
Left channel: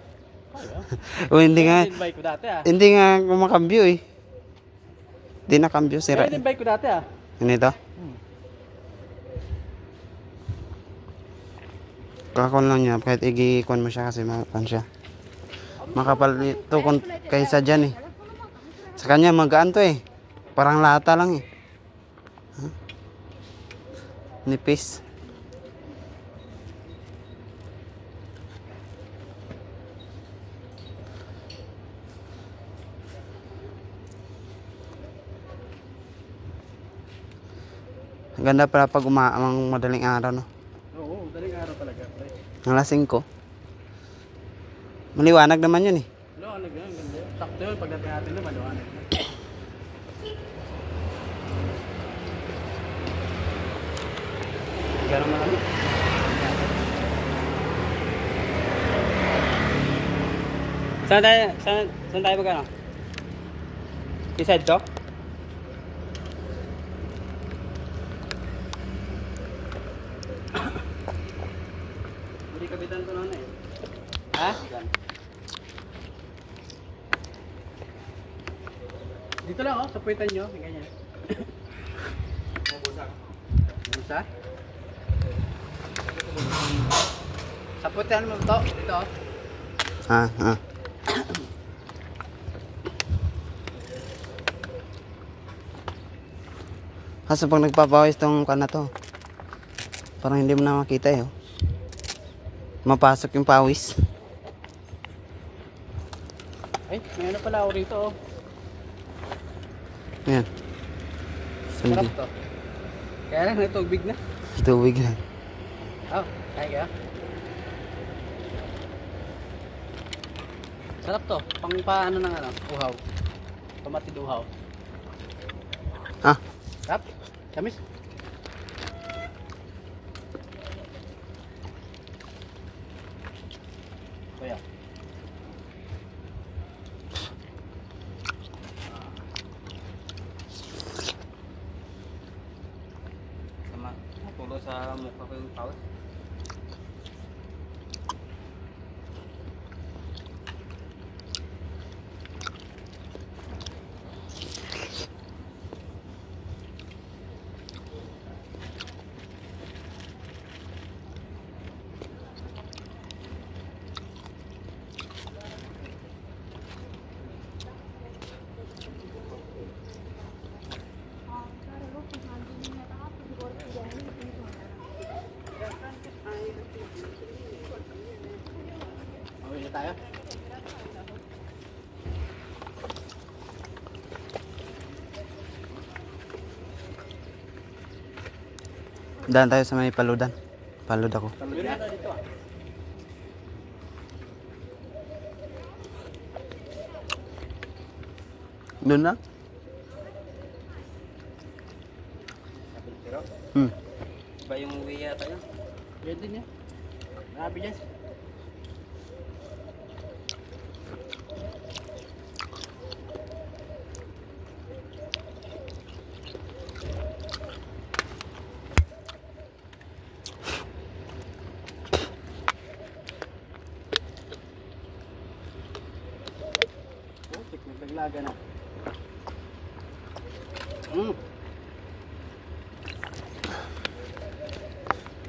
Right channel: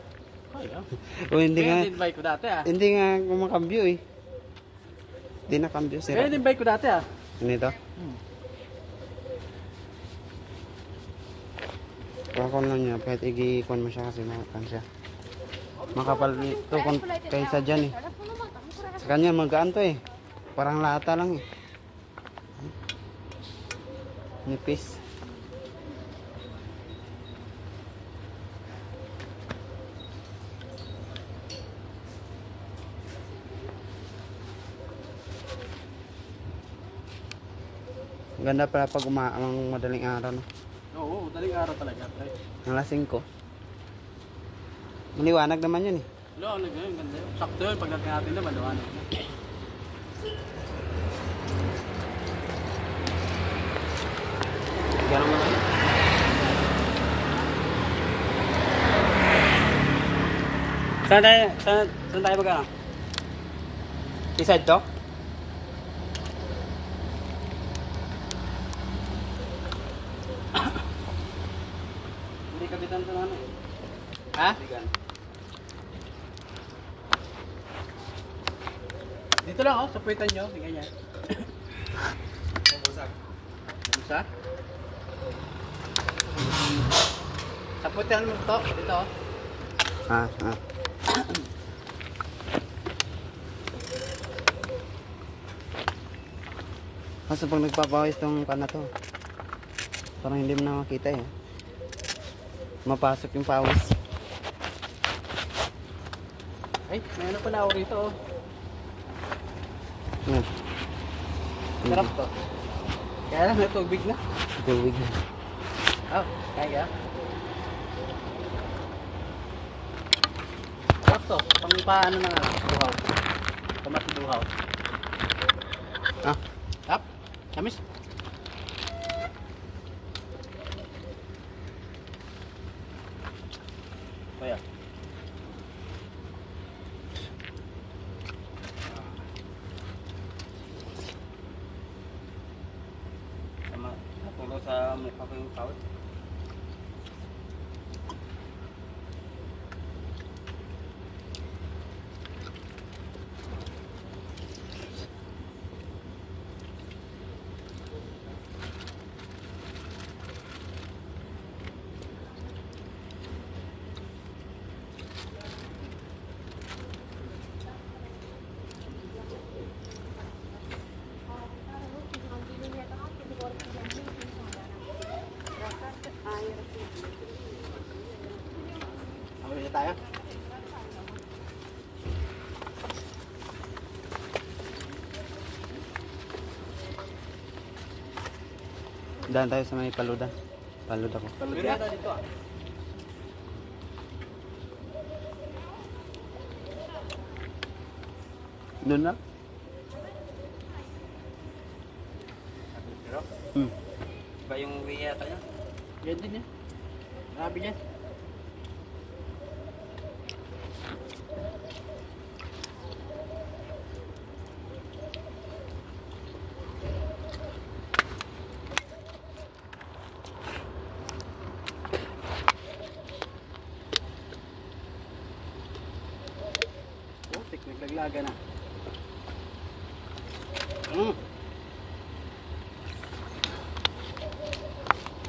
Kaya. O hindi nga, Kaya din bike ko dati ah. hindi nga kumakambyo eh. Hindi nakambyo sira. Kaya din bike ko dati ah. Ano ito? Kakon lang niya, kahit igikon mo siya kasi makan siya. Makapal ito kung kaysa dyan eh. Sa kanya magaan to eh. Parang lata lang eh. Huh? Nipis. Ganda pala pag umaamang madaling araw no. Oo, daling araw talaga. Ang lasing ko. Maliwanag naman yun eh. Liwanag yun, ganda yun. Sakto yun, pagdating natin naman, liwanag yun. Saan tayo magkano? Decide to? Hindi kapitan ko na ano eh. Ha? Dito lang oh, sapuitan nyo, ganyan. Busa? Sapuitan mo to, dito oh. Ha? Kaso pag nagpapawis tong kana to, parang hindi mo na makita eh. Mapasok yung pawis. Ay, may ano pala ako rito oh. Yan. Sarap to. Kaya lang may tubig na. Tubig na. Oh, kaya ka? Sarap to. Pang paano ng ano, duhaw. Kamati duhaw. Ah. Sarap. Kamis. Kaya. Sama, tulo sa mukha ko yung tao. Awin na tayo. Daan tayo sa may paludan. Palud ako. Yun na tayo dito ah. Doon na? Pero, Hmm. iba yung uwi yata niya. Yan din yan. Grabe yan. Oh, tikmik laglaga na.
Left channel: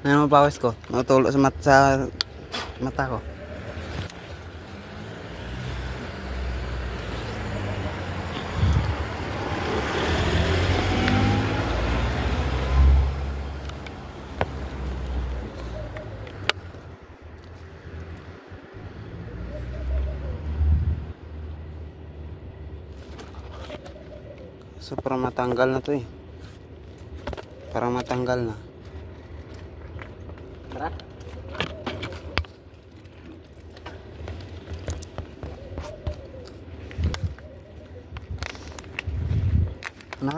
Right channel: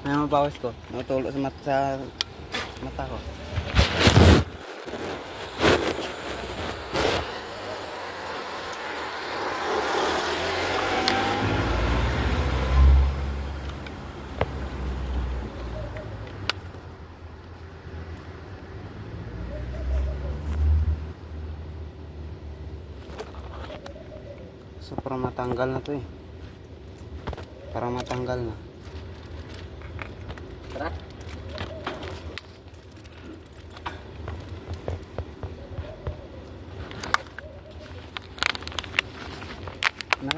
Ano mo pawis ko? Natulo sa mata ko. So parang matanggal na to eh. Parang matanggal na. Tara. Na?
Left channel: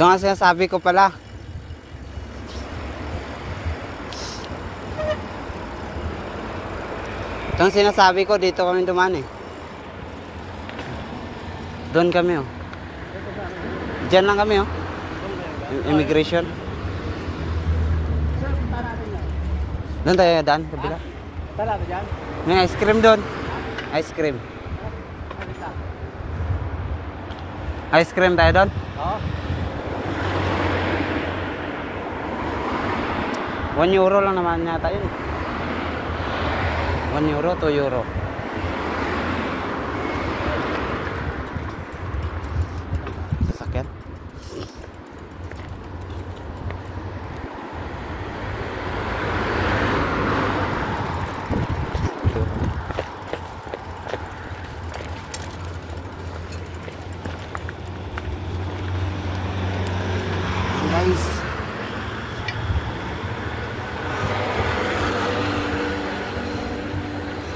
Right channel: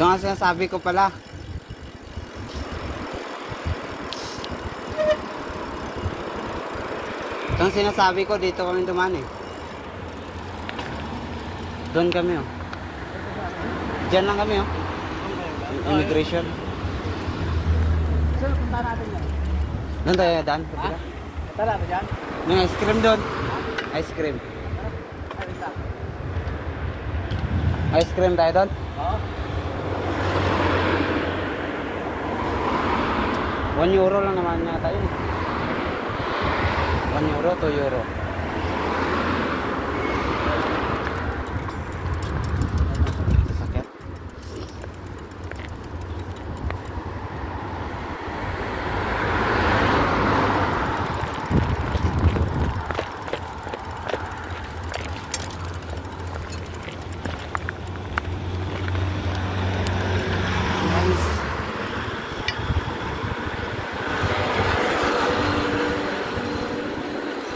Ito nga sinasabi ko pala. Ito ang sinasabi ko, dito kami dumaan eh. Doon kami oh. Diyan lang kami oh. Immigration. Doon tayo daan. Tara, dyan. May ice cream doon. Ice cream. Ice cream tayo doon. Oo. 1 euro lang naman yata yun. 1 euro, 2 euro. Sakit.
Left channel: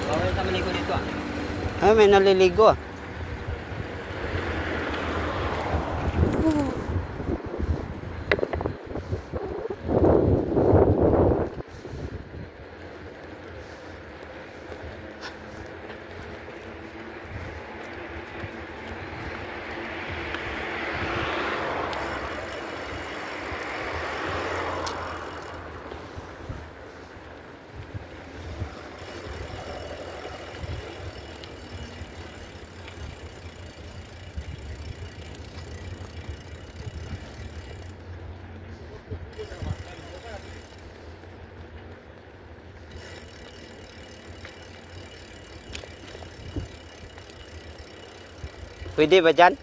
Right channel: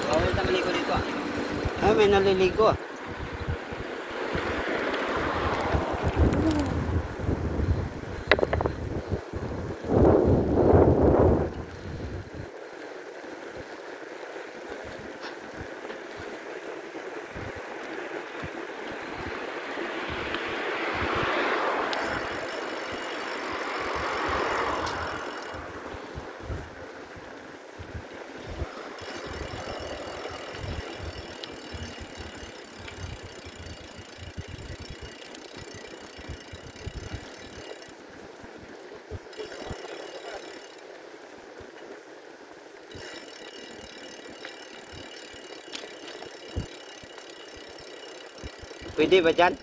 Bawal sa maligo dito. Ay, may naliligo ah. Pwede ba dyan?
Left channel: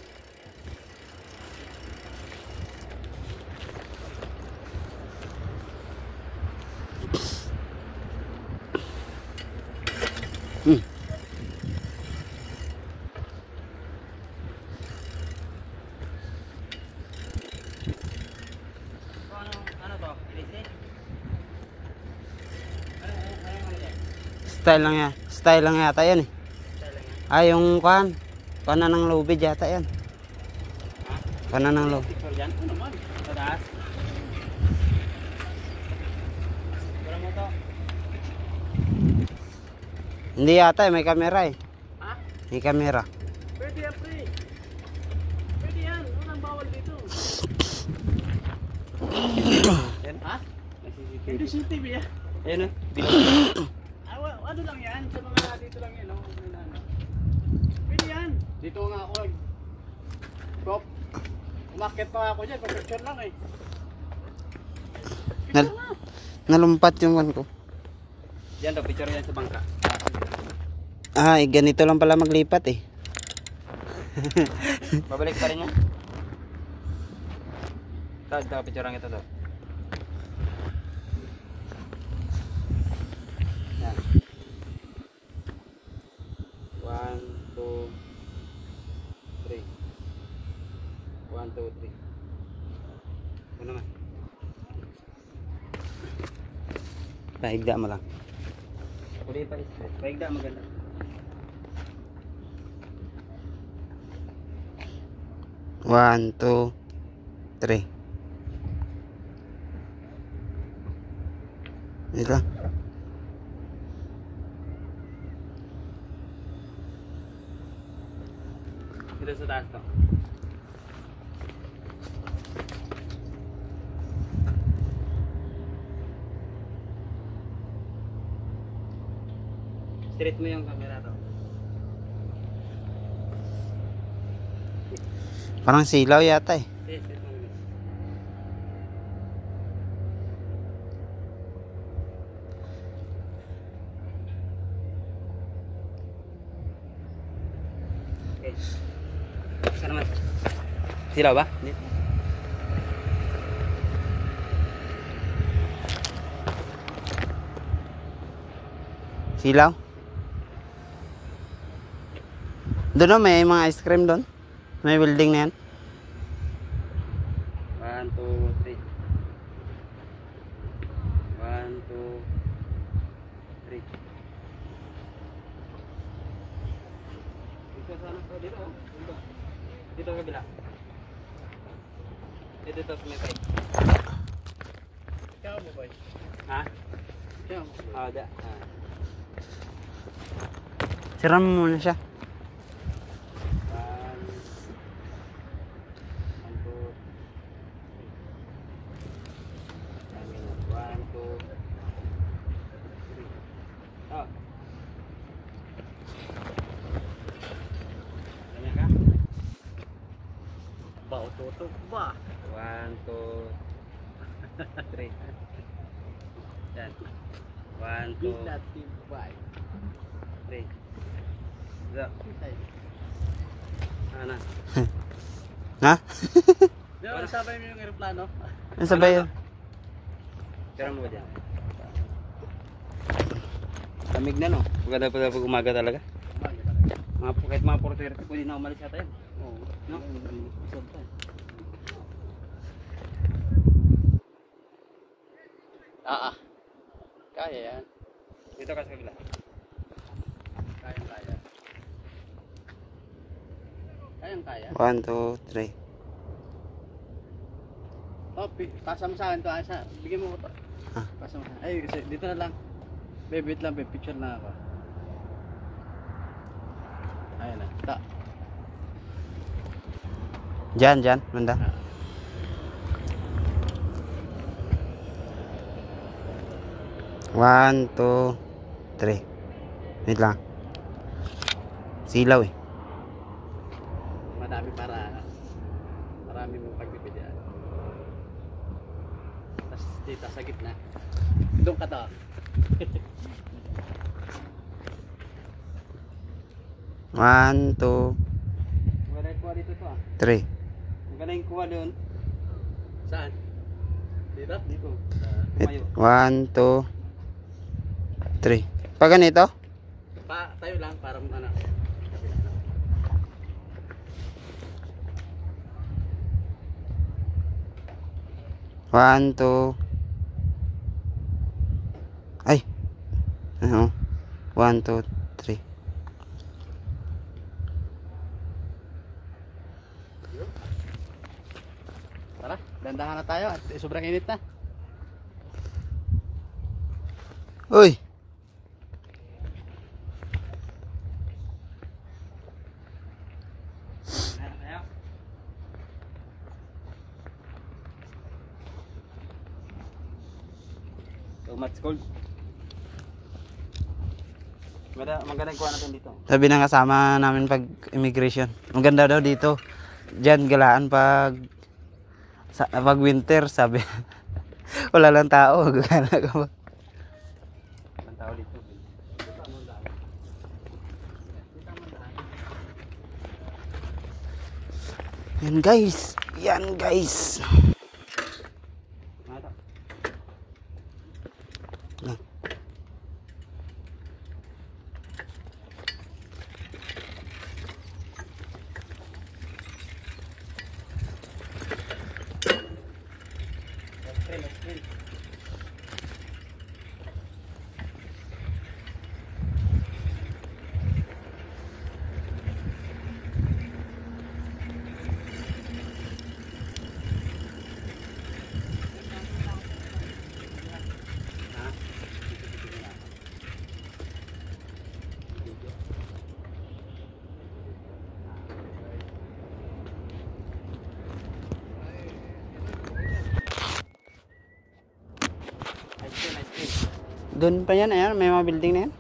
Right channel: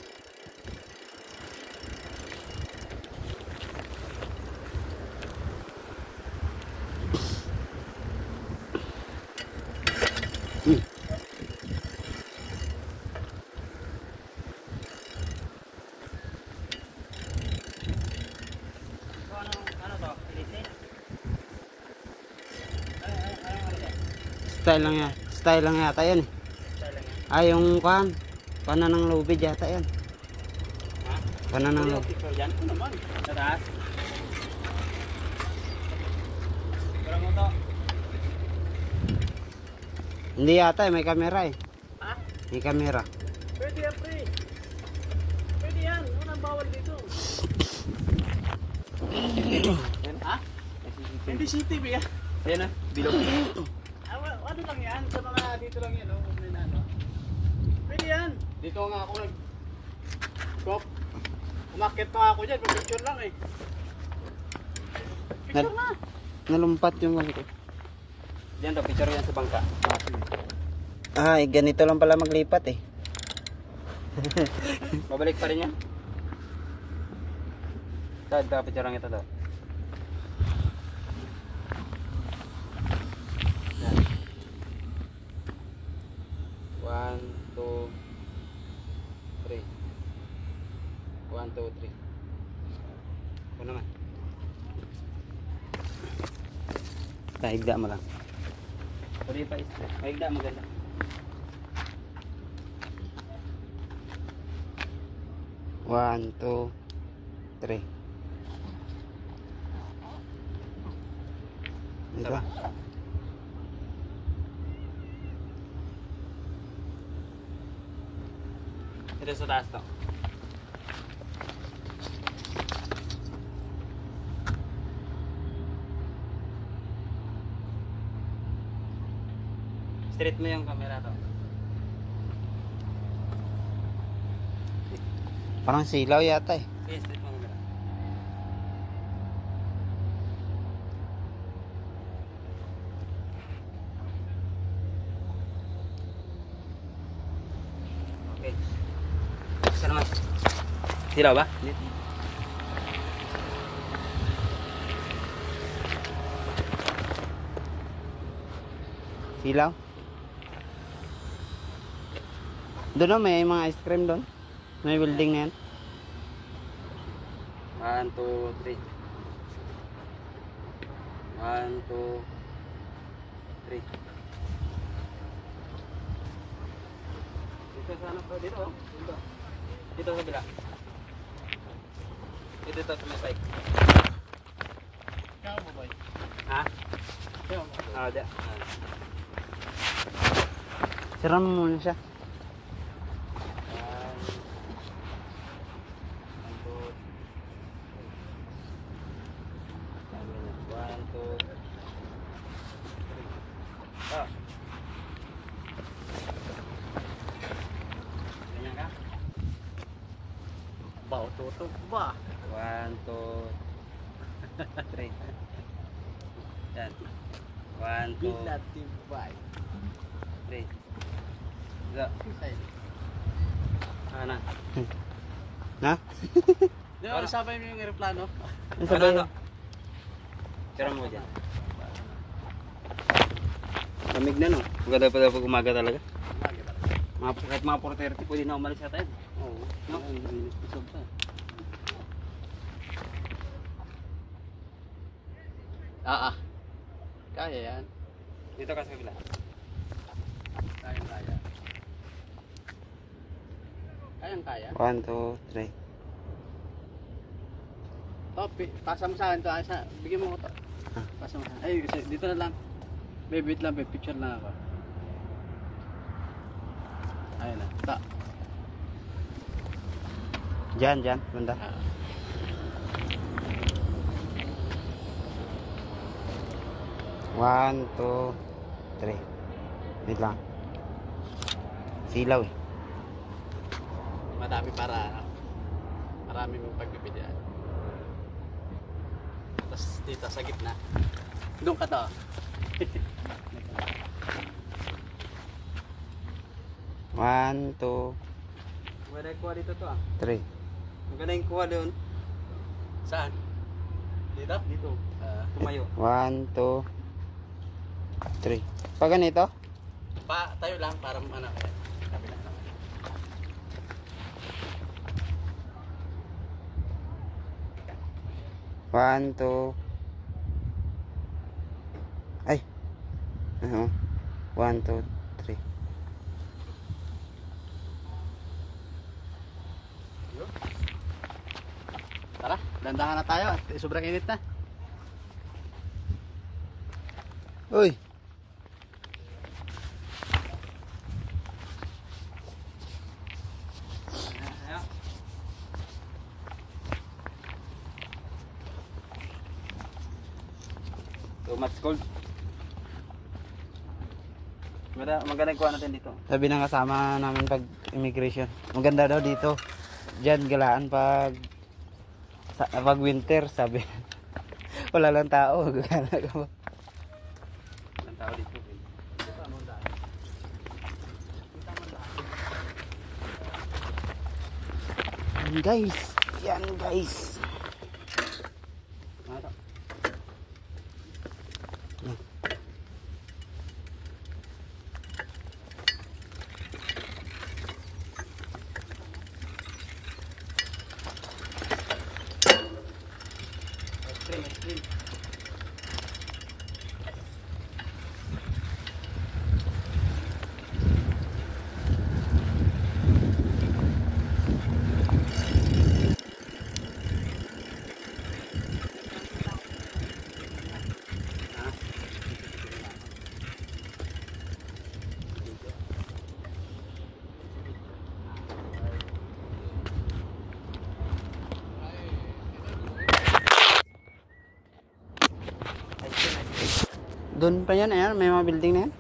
Style lang yan. Style lang yata yan eh. Ay, yung kuhan. Kanan ng lubid yata yan. Kanan ng lubid. Yan po naman. Sa taas. Pero mo to. Hindi yata eh, may kamera eh. Ha? May kamera. Pwede yan, pre. Pwede yan. Unang bawal dito. Yan, ha? Hindi CCTV yan. Ayan na. Bilog. Ano lang yan? Sa mga dito lang yan. Oh. Pwede yan. Dito nga ako. Stop. Umakit pa ako dyan. Pag-picture lang eh. Picture na. Nalumpat yung kan ko. Yan daw, picture yan sa bangka. Ah, ganito lang pala maglipat eh. Babalik pa rin yan. Dahil picture lang ito daw. Yan. 1, 2, 3. 1, 2, 3. Ito naman. Paigda mo lang. Pwede pa ito. Paigda maganda. One, two, three. Dito. Ito sa taas to. Straight mo yung camera to. Parang silaw yata eh. Straight mo yung camera. Okay. Isa naman. Silaw ba? Hindi. Silaw. Doon oh, may mga ice cream doon. May building na yan. 1, 2, 3. 1, 2, 3. Dito sana pa dito. Dito. Dito sa bila. Dito to sa may bike. Kaya mo ba? Ha? Kaya mo. Da. Sira mo muna siya. 1, 2, 3. Yan. 1, 2, 3. Zo. Ana. Ha? Di ba, sabay mo yung aeroplano? Ano sabay yan? Tira mo dyan. Lamig na no. Maganda pa daw pag umaga talaga. Kahit mga 4:30 pwede na umalis yata yun. Oo. No? Isog pa. Kaya yan. Dito ka sa kabila. Kaya. Kaya. 1, 2, 3. Oh, pasam sa akin to. Bigyan mo ko to. Pasam sa akin. Ay, dito na lang. Babe, wait lang, babe. Picture na ako. Ayun na. Ta. Diyan, banda. One, two, three. Wait lang. Silaw eh. Marami mong pagbibigyan. Tapos dito sa gitna. Doon ka to. One, two. Maganda kuha dito to ah. 3. Magaling kuha doon. Saan? Dito? Dito. Tumayo. 1, 2, 3. Pag ganito? Tayo lang para ano. Ayan. Kabila naman. One, two. Ay. Ano? 1, 2, 3. Tara, dandahan na tayo at sobrang init na. Uy. Too much cold. Magandang kuha natin dito. Sabi ng kasama namin pag immigration. Maganda daw dito. Diyan galaan pag winter, sabi. Wala lang tao. Gala ka ba? Ang tao dito. Dito anong daan? Dito anong daan? Yan guys. Yan guys. Ano to? Ice cream. Doon pa yan, ayan, may mga building na yan.